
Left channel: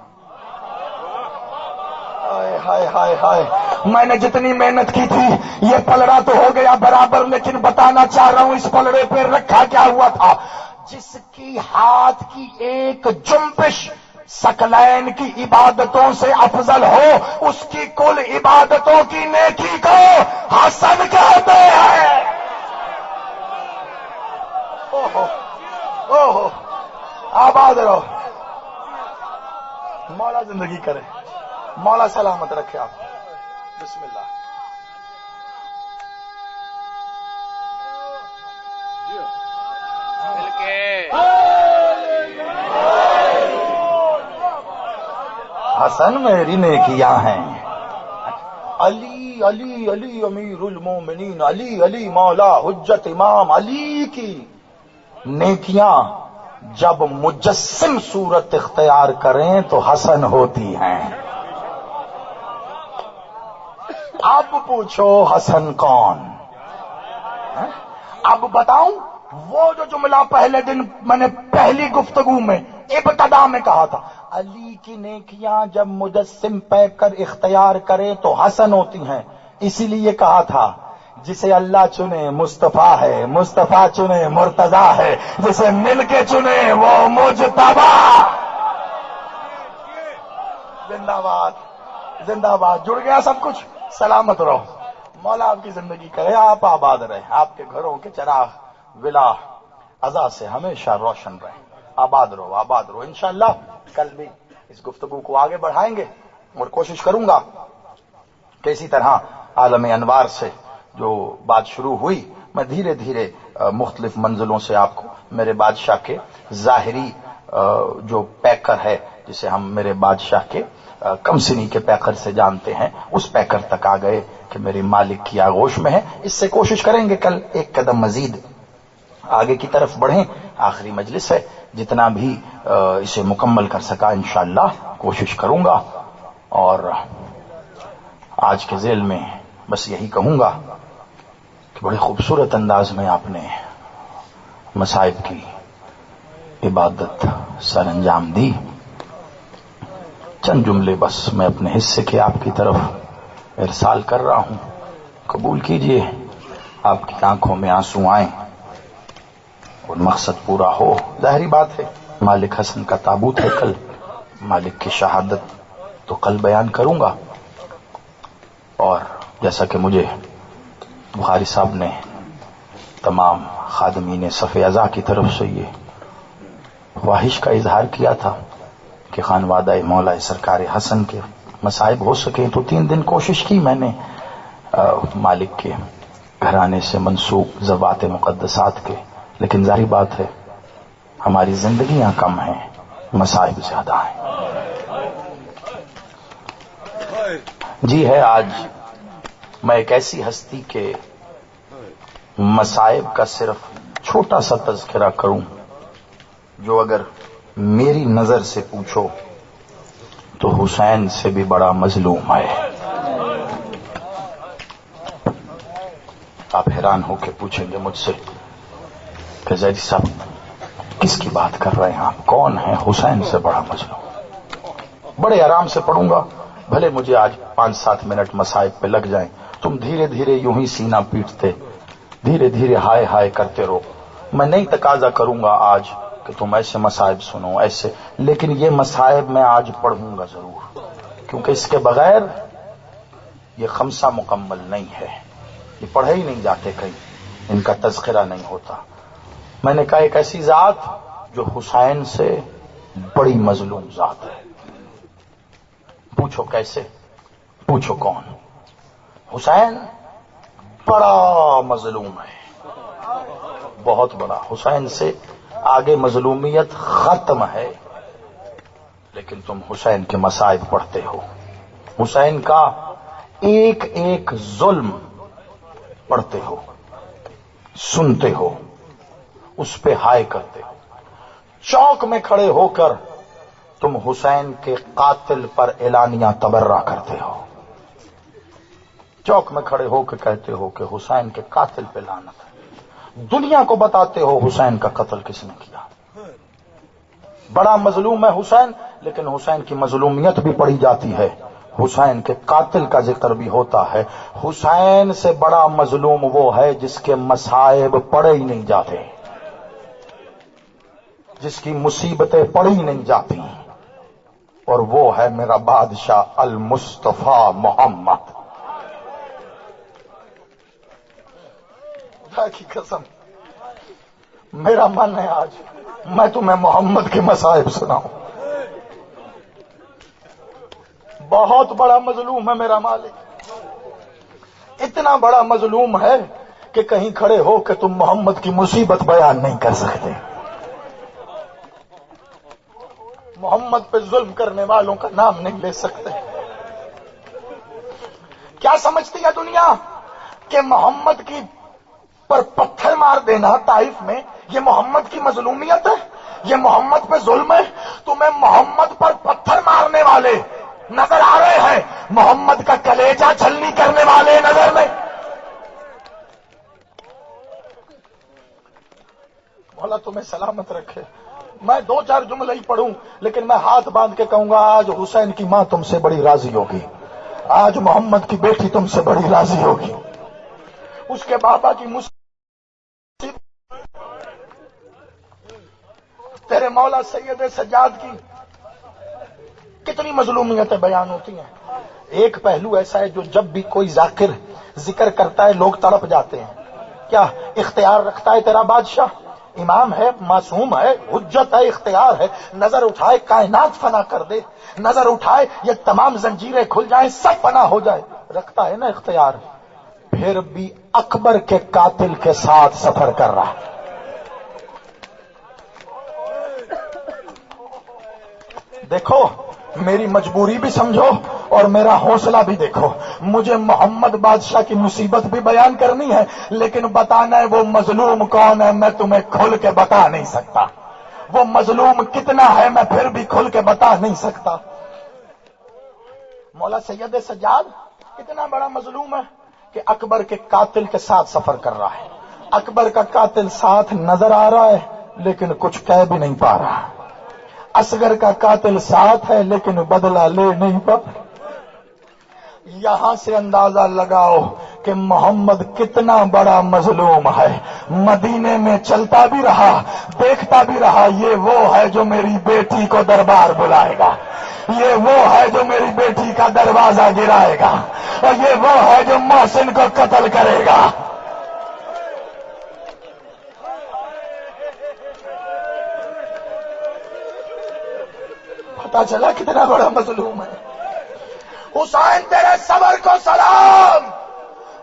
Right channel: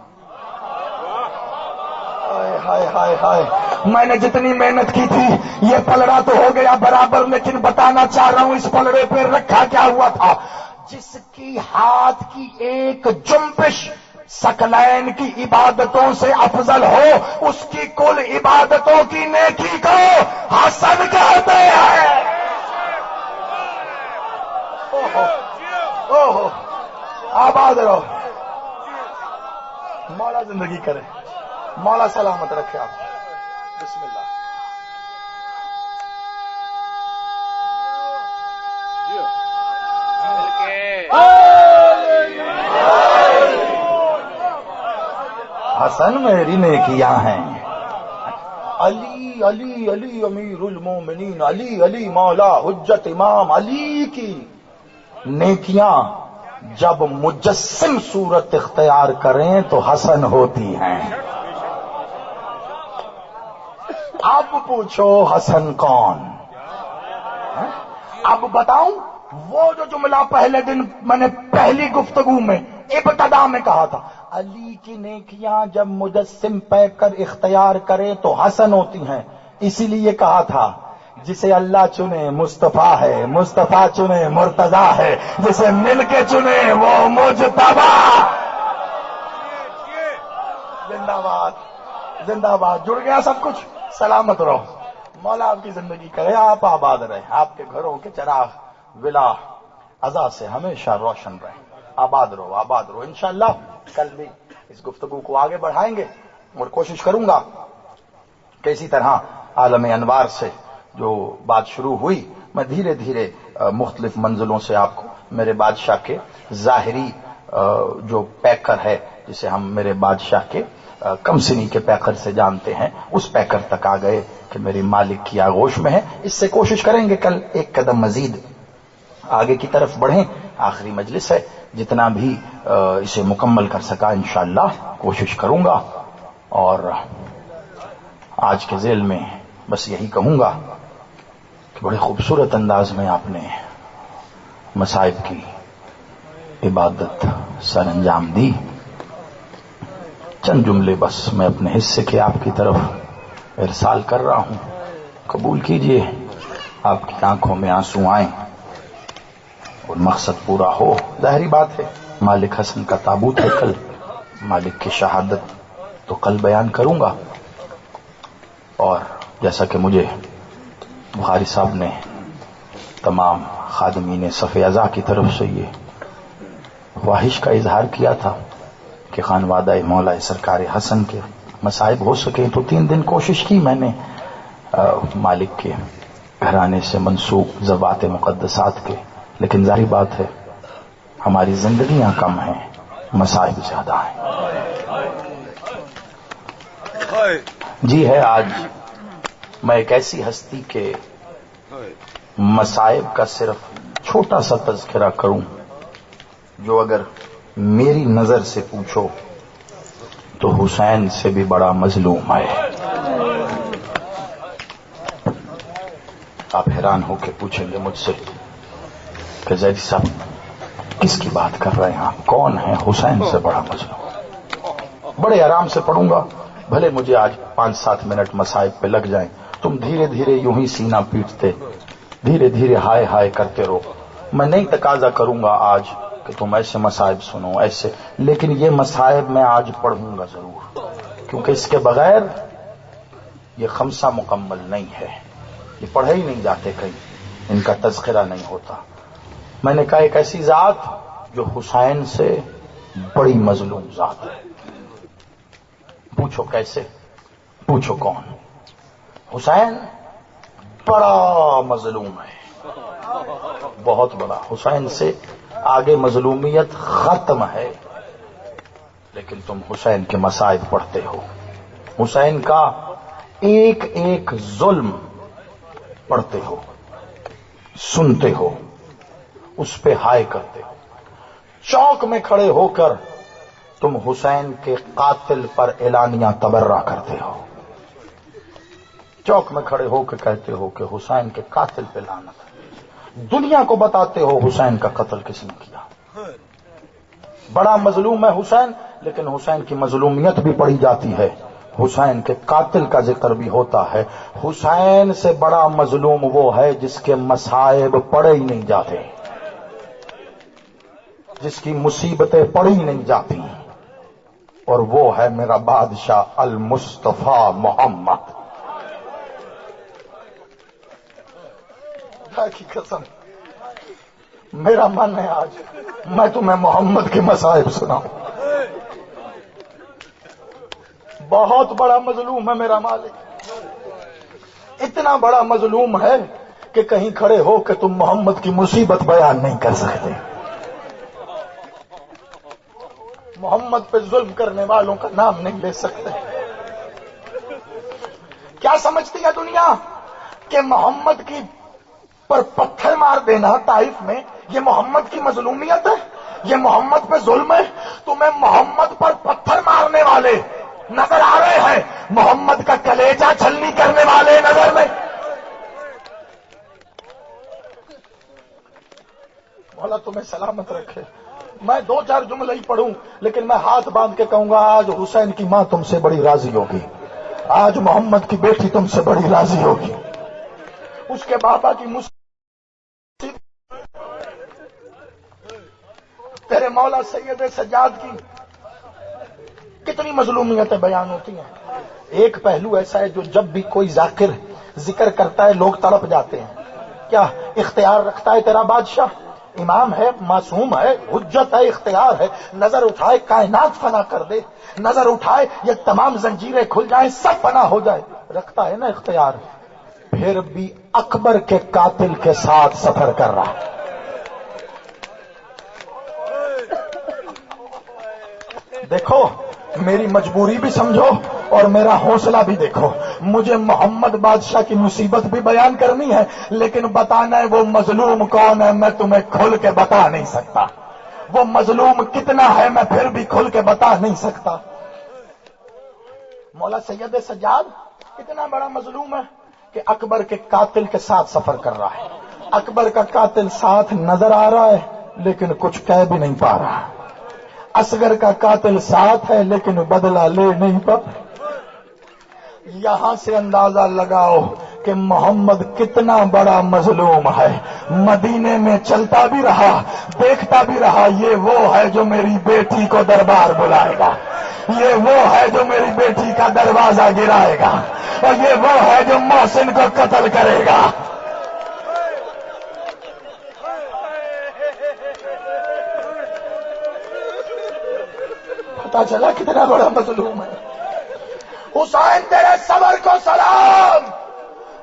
ہائے ہائے ہائے، میں نے جتنی محنت کی تھی یہ پلڑا تو ہو گیا برابر، لیکن بتانا چاہ رہا ہوں اس پلڑے پہ رکھا کیا ہوا تھا. جس کی ہاتھ کی ایک جنبش ثقلین کی عبادتوں سے افضل ہو اس کی کل عبادتوں کی نیکی کو حسن کہتے ہیں. اوہو، آباد رہو، مولا زندگی کرے، مولا سلامت رکھے. آپ بسم اللہ. حسن میری نیکیاں ہیں. علی علی علی امیر المومنین، علی علی مولا حجت امام. علی کی نیکیاں جب مجسم صورت اختیار کریں تو حسن ہوتی ہیں. اب پوچھو حسن کون؟ اب بتاؤں وہ جو جملہ پہلے دن میں نے پہلی گفتگو میں ابتدا میں کہا تھا، علی کی نیکیاں جب مجسم پہ کر اختیار کرے تو حسن ہوتی ہیں. اسی لیے کہا تھا جسے اللہ چنے مصطفیٰ ہے، مصطفیٰ چنے مرتضیٰ ہے، جسے مل کے چنے وہ مجتبی. زندہ باد، زندہ باد. جڑ گیا سب کچھ. سلامت رہو، مولا آپ کی زندگی کرے، آپ آباد رہیں، آپ کے گھروں کے چراغ ولا عزا سے ہمیشہ روشن رہیں، آباد رہو انشاءاللہ۔ کل بھی اس گفتگو کو آگے بڑھائیں گے اور کوشش کروں گا کہ اسی طرح عالم انوار سے جو بات شروع ہوئی، میں دھیرے دھیرے مختلف منزلوں سے آپ کو میرے بادشاہ کے ظاہری جو پیکر ہے، جسے ہم میرے بادشاہ کے کم سنی کے پیکر سے جانتے ہیں، اس پیکر تک آ گئے کہ میرے مالک کی آغوش میں ہے۔ اس سے کوشش کریں گے کل ایک قدم مزید آگے کی طرف بڑھیں۔ آخری مجلس ہے، جتنا بھی اسے مکمل کر سکا انشاءاللہ کوشش کروں گا، اور آج کے ذیل میں بس یہی کہوں گا کہ بڑے خوبصورت انداز میں آپ نے مصائب کی عبادت سر انجام دی۔ چند جملے بس میں اپنے حصے کے آپ کی طرف ارسال کر رہا ہوں، قبول کیجئے۔ آپ کی آنکھوں میں آنسو آئیں اور مقصد پورا ہو۔ ظاہری بات ہے، مالک حسن کا تابوت ہے کل، مالک کی شہادت تو کل بیان کروں گا، اور جیسا کہ مجھے بخاری صاحب نے تمام خادمین صف اعضاء کی طرف سے یہ خواہش کا اظہار کیا تھا کہ خانوادہ مولا سرکار حسن کے مصائب ہو سکے، تو 3 دن کوشش کی میں نے مالک کے گھرانے سے منسوب ذوات مقدسات کے، لیکن ظاہری بات ہے ہماری زندگیاں کم ہیں، مصائب زیادہ ہیں۔ جی ہے، آج میں ایک ایسی ہستی کے مصائب کا صرف چھوٹا سا تذکرہ کروں جو اگر میری نظر سے پوچھو تو حسین سے بھی بڑا مظلوم ہے۔ آپ حیران ہو کے پوچھیں گے مجھ سے کہ زیدی صاحب کس کی بات کر رہے ہیں آپ، کون ہے حسین سے بڑا مظلوم؟ بڑے آرام سے پڑھوں گا، بھلے مجھے آج 5-7 منٹ مصائب پہ لگ جائیں، تم دھیرے دھیرے یوں ہی سینہ پیٹتے دھیرے دھیرے ہائے ہائے کرتے رہو۔ میں نہیں تقاضا کروں گا آج کہ تم ایسے مصائب سنو ایسے، لیکن یہ مصائب میں آج پڑھوں گا ضرور، کیونکہ اس کے بغیر یہ خمسہ مکمل نہیں ہے، یہ پڑھے ہی نہیں جاتے کہیں، ان کا تذکرہ نہیں ہوتا۔ میں نے کہا ایک ایسی ذات جو حسین سے بڑی مظلوم ذات ہے۔ پوچھو کیسے، پوچھو کون؟ حسین بڑا مظلوم ہے، بہت بڑا۔ حسین سے آگے مظلومیت ختم ہے، لیکن تم حسین کے مصائب پڑھتے ہو، حسین کا ایک ایک ظلم پڑھتے ہو، سنتے ہو، اس پہ ہائے کرتے ہو۔ چوک میں کھڑے ہو کر تم حسین کے قاتل پر اعلانیہ تبرہ کرتے ہو، چوک میں کھڑے ہو کے کہتے ہو کہ حسین کے قاتل پہ لعنت ہے، دنیا کو بتاتے ہو حسین کا قتل کس نے کیا۔ بڑا مظلوم ہے حسین، لیکن حسین کی مظلومیت بھی پڑھی جاتی ہے، حسین کے قاتل کا ذکر بھی ہوتا ہے۔ حسین سے بڑا مظلوم وہ ہے جس کے مصائب پڑھے ہی نہیں جاتے، جس کی مصیبتیں پڑھی ہی نہیں جاتی، اور وہ ہے میرا بادشاہ المصطفیٰ محمد۔ خدا کی قسم میرا من ہے آج میں تمہیں محمد کے مصائب سناؤں۔ بہت بڑا مظلوم ہے میرا مالک، اتنا بڑا مظلوم ہے کہ کہیں کھڑے ہو کہ تم محمد کی مصیبت بیان نہیں کر سکتے، محمد پہ ظلم کرنے والوں کا نام نہیں لے سکتے۔ کیا سمجھتی ہے دنیا کہ محمد کی پر پتھر مار دینا طائف میں یہ محمد کی مظلومیت ہے، یہ محمد پہ ظلم ہے؟ تمہیں محمد پر پتھر مارنے والے نظر آ رہے ہیں، محمد کا کلیجہ چھلنی کرنے والے نظر نہیں۔ مولا تمہیں سلامت رکھے۔ میں 2-4 جملے ہی پڑھوں، لیکن میں ہاتھ باندھ کے کہوں گا آج حسین کی ماں تم سے بڑی راضی ہوگی، آج محمد کی بیٹی تم سے بڑی راضی ہوگی، اس کے بابا کی تیرے مولا سید سجاد کی کتنی مظلومیتیں بیان ہوتی ہیں۔ ایک پہلو ایسا ہے جو جب بھی کوئی ذاکر ذکر کرتا ہے لوگ تڑپ جاتے ہیں. کیا اختیار رکھتا ہے تیرا بادشاہ؟ امام ہے، معصوم ہے، حجت ہے، اختیار ہے. نظر اٹھائے کائنات فنا کر دے، نظر اٹھائے یہ تمام زنجیریں کھل جائیں، سب فنا ہو جائے. رکھتا ہے نا اختیار. پھر بھی اکبر کے قاتل کے ساتھ سفر کر رہا ہے. دیکھو میری مجبوری بھی سمجھو اور میرا حوصلہ بھی دیکھو. مجھے محمد بادشاہ کی مصیبت بھی بیان کرنی ہے، لیکن بتانا ہے وہ مظلوم کون ہے میں تمہیں کھل کے بتا نہیں سکتا. وہ مظلوم کتنا ہے میں پھر بھی کھل کے بتا نہیں سکتا. مولا سید سجاد اتنا بڑا مظلوم ہے کہ اکبر کے قاتل کے ساتھ سفر کر رہا ہے. اکبر کا قاتل ساتھ نظر آ رہا ہے لیکن کچھ کہہ بھی نہیں پا رہا. اصغر کا قاتل ساتھ ہے لیکن بدلہ لے نہیں پا. یہاں سے اندازہ لگاؤ کہ محمد کتنا بڑا مظلوم ہے. مدینے میں چلتا بھی رہا، دیکھتا بھی رہا، یہ وہ ہے جو میری بیٹی کو دربار بلائے گا، یہ وہ ہے جو میری بیٹی کا دروازہ گرائے گا، اور یہ وہ ہے جو محسن کو قتل کرے گا. پتا چلا کتنا بڑا مظلوم ہے. حسین تیرے صبر کو سلام،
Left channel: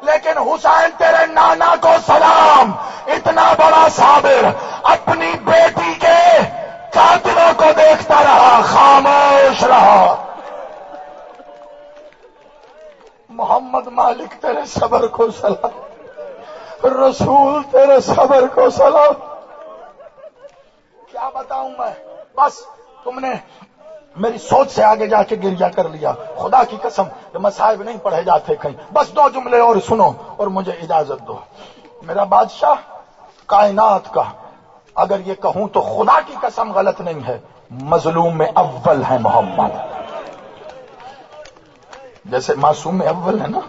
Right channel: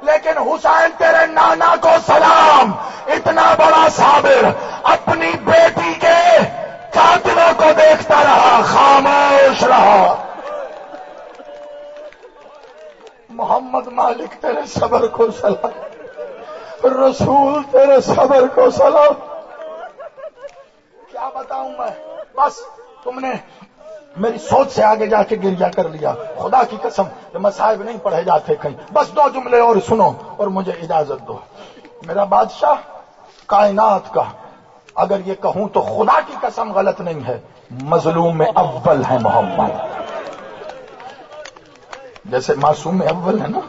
لیکن حسین تیرے نانا کو سلام. اتنا بڑا صابر اپنی بیٹی کے قاتلوں کو دیکھتا رہا، خاموش رہا. محمد مالک تیرے صبر کو سلام، رسول تیرے صبر کو سلام. کیا بتاؤں میں؟ بس تم نے میری سوچ سے آگے جا کے گریا کر لیا. خدا کی قسم یہ مصائب نہیں پڑھے جاتے کہیں. بس 2 جملے اور سنو اور مجھے اجازت دو. میرا بادشاہ کائنات کا، اگر یہ کہوں تو خدا کی قسم غلط نہیں ہے، مظلوم میں اول ہے محمد. جیسے معصوم میں اول ہے نا،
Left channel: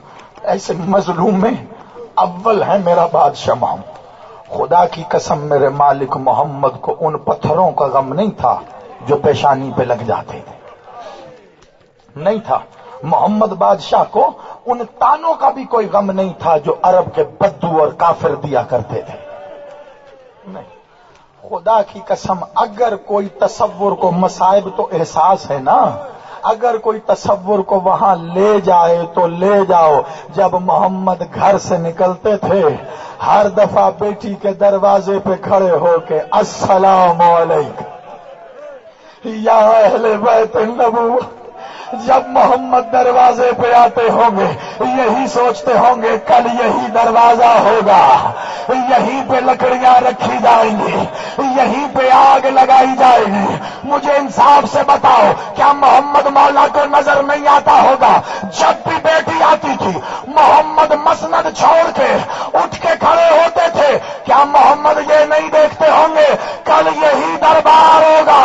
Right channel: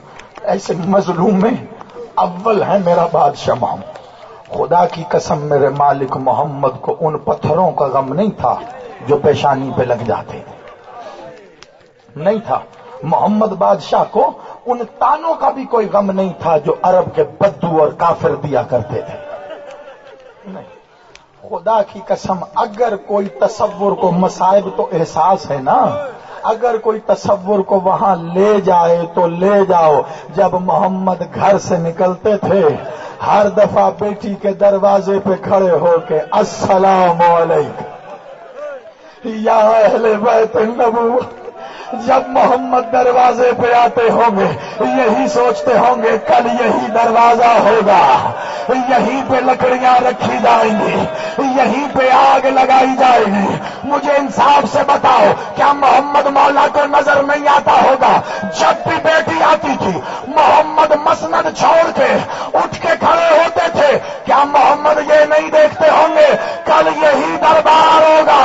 ایسے مظلوم میں اول ہے میرا بادشاہ محمد. خدا کی قسم میرے مالک محمد کو ان پتھروں کا غم نہیں تھا جو پیشانی پہ لگ جاتے تھے، نہیں تھا. محمد بادشاہ کو ان تانوں کا بھی کوئی غم نہیں تھا جو عرب کے بدو اور کافر دیا کرتے تھے. نہیں، خدا کی قسم اگر کوئی تصور کو مصائب تو احساس ہے نا، اگر کوئی تصور کو وہاں لے جائے تو لے جاؤ. جب محمد گھر سے نکلتے تھے ہر دفعہ بیٹی کے دروازے پہ کھڑے ہو کے السلام علیکم یا اہل بیت النبوہ. جب محمد دروازے پہ آتے ہوں گے یہی سوچتے ہوں گے کل یہی دروازہ ہوگا، یہیں پہ لکڑیاں رکھی جائیں گی، یہیں پہ آگ لگائی جائے گی. مجھے انصاف سے بتاؤ کیا محمد مولا کو نظر نہیں آتا ہوگا؟ جب بھی بیٹی آتی تھی محمد مسند چھوڑ کے اٹھ کے کھڑے ہوتے تھے. کیا محمد یہ نہیں دیکھتے ہوں گے کل یہی دربار ہوگا،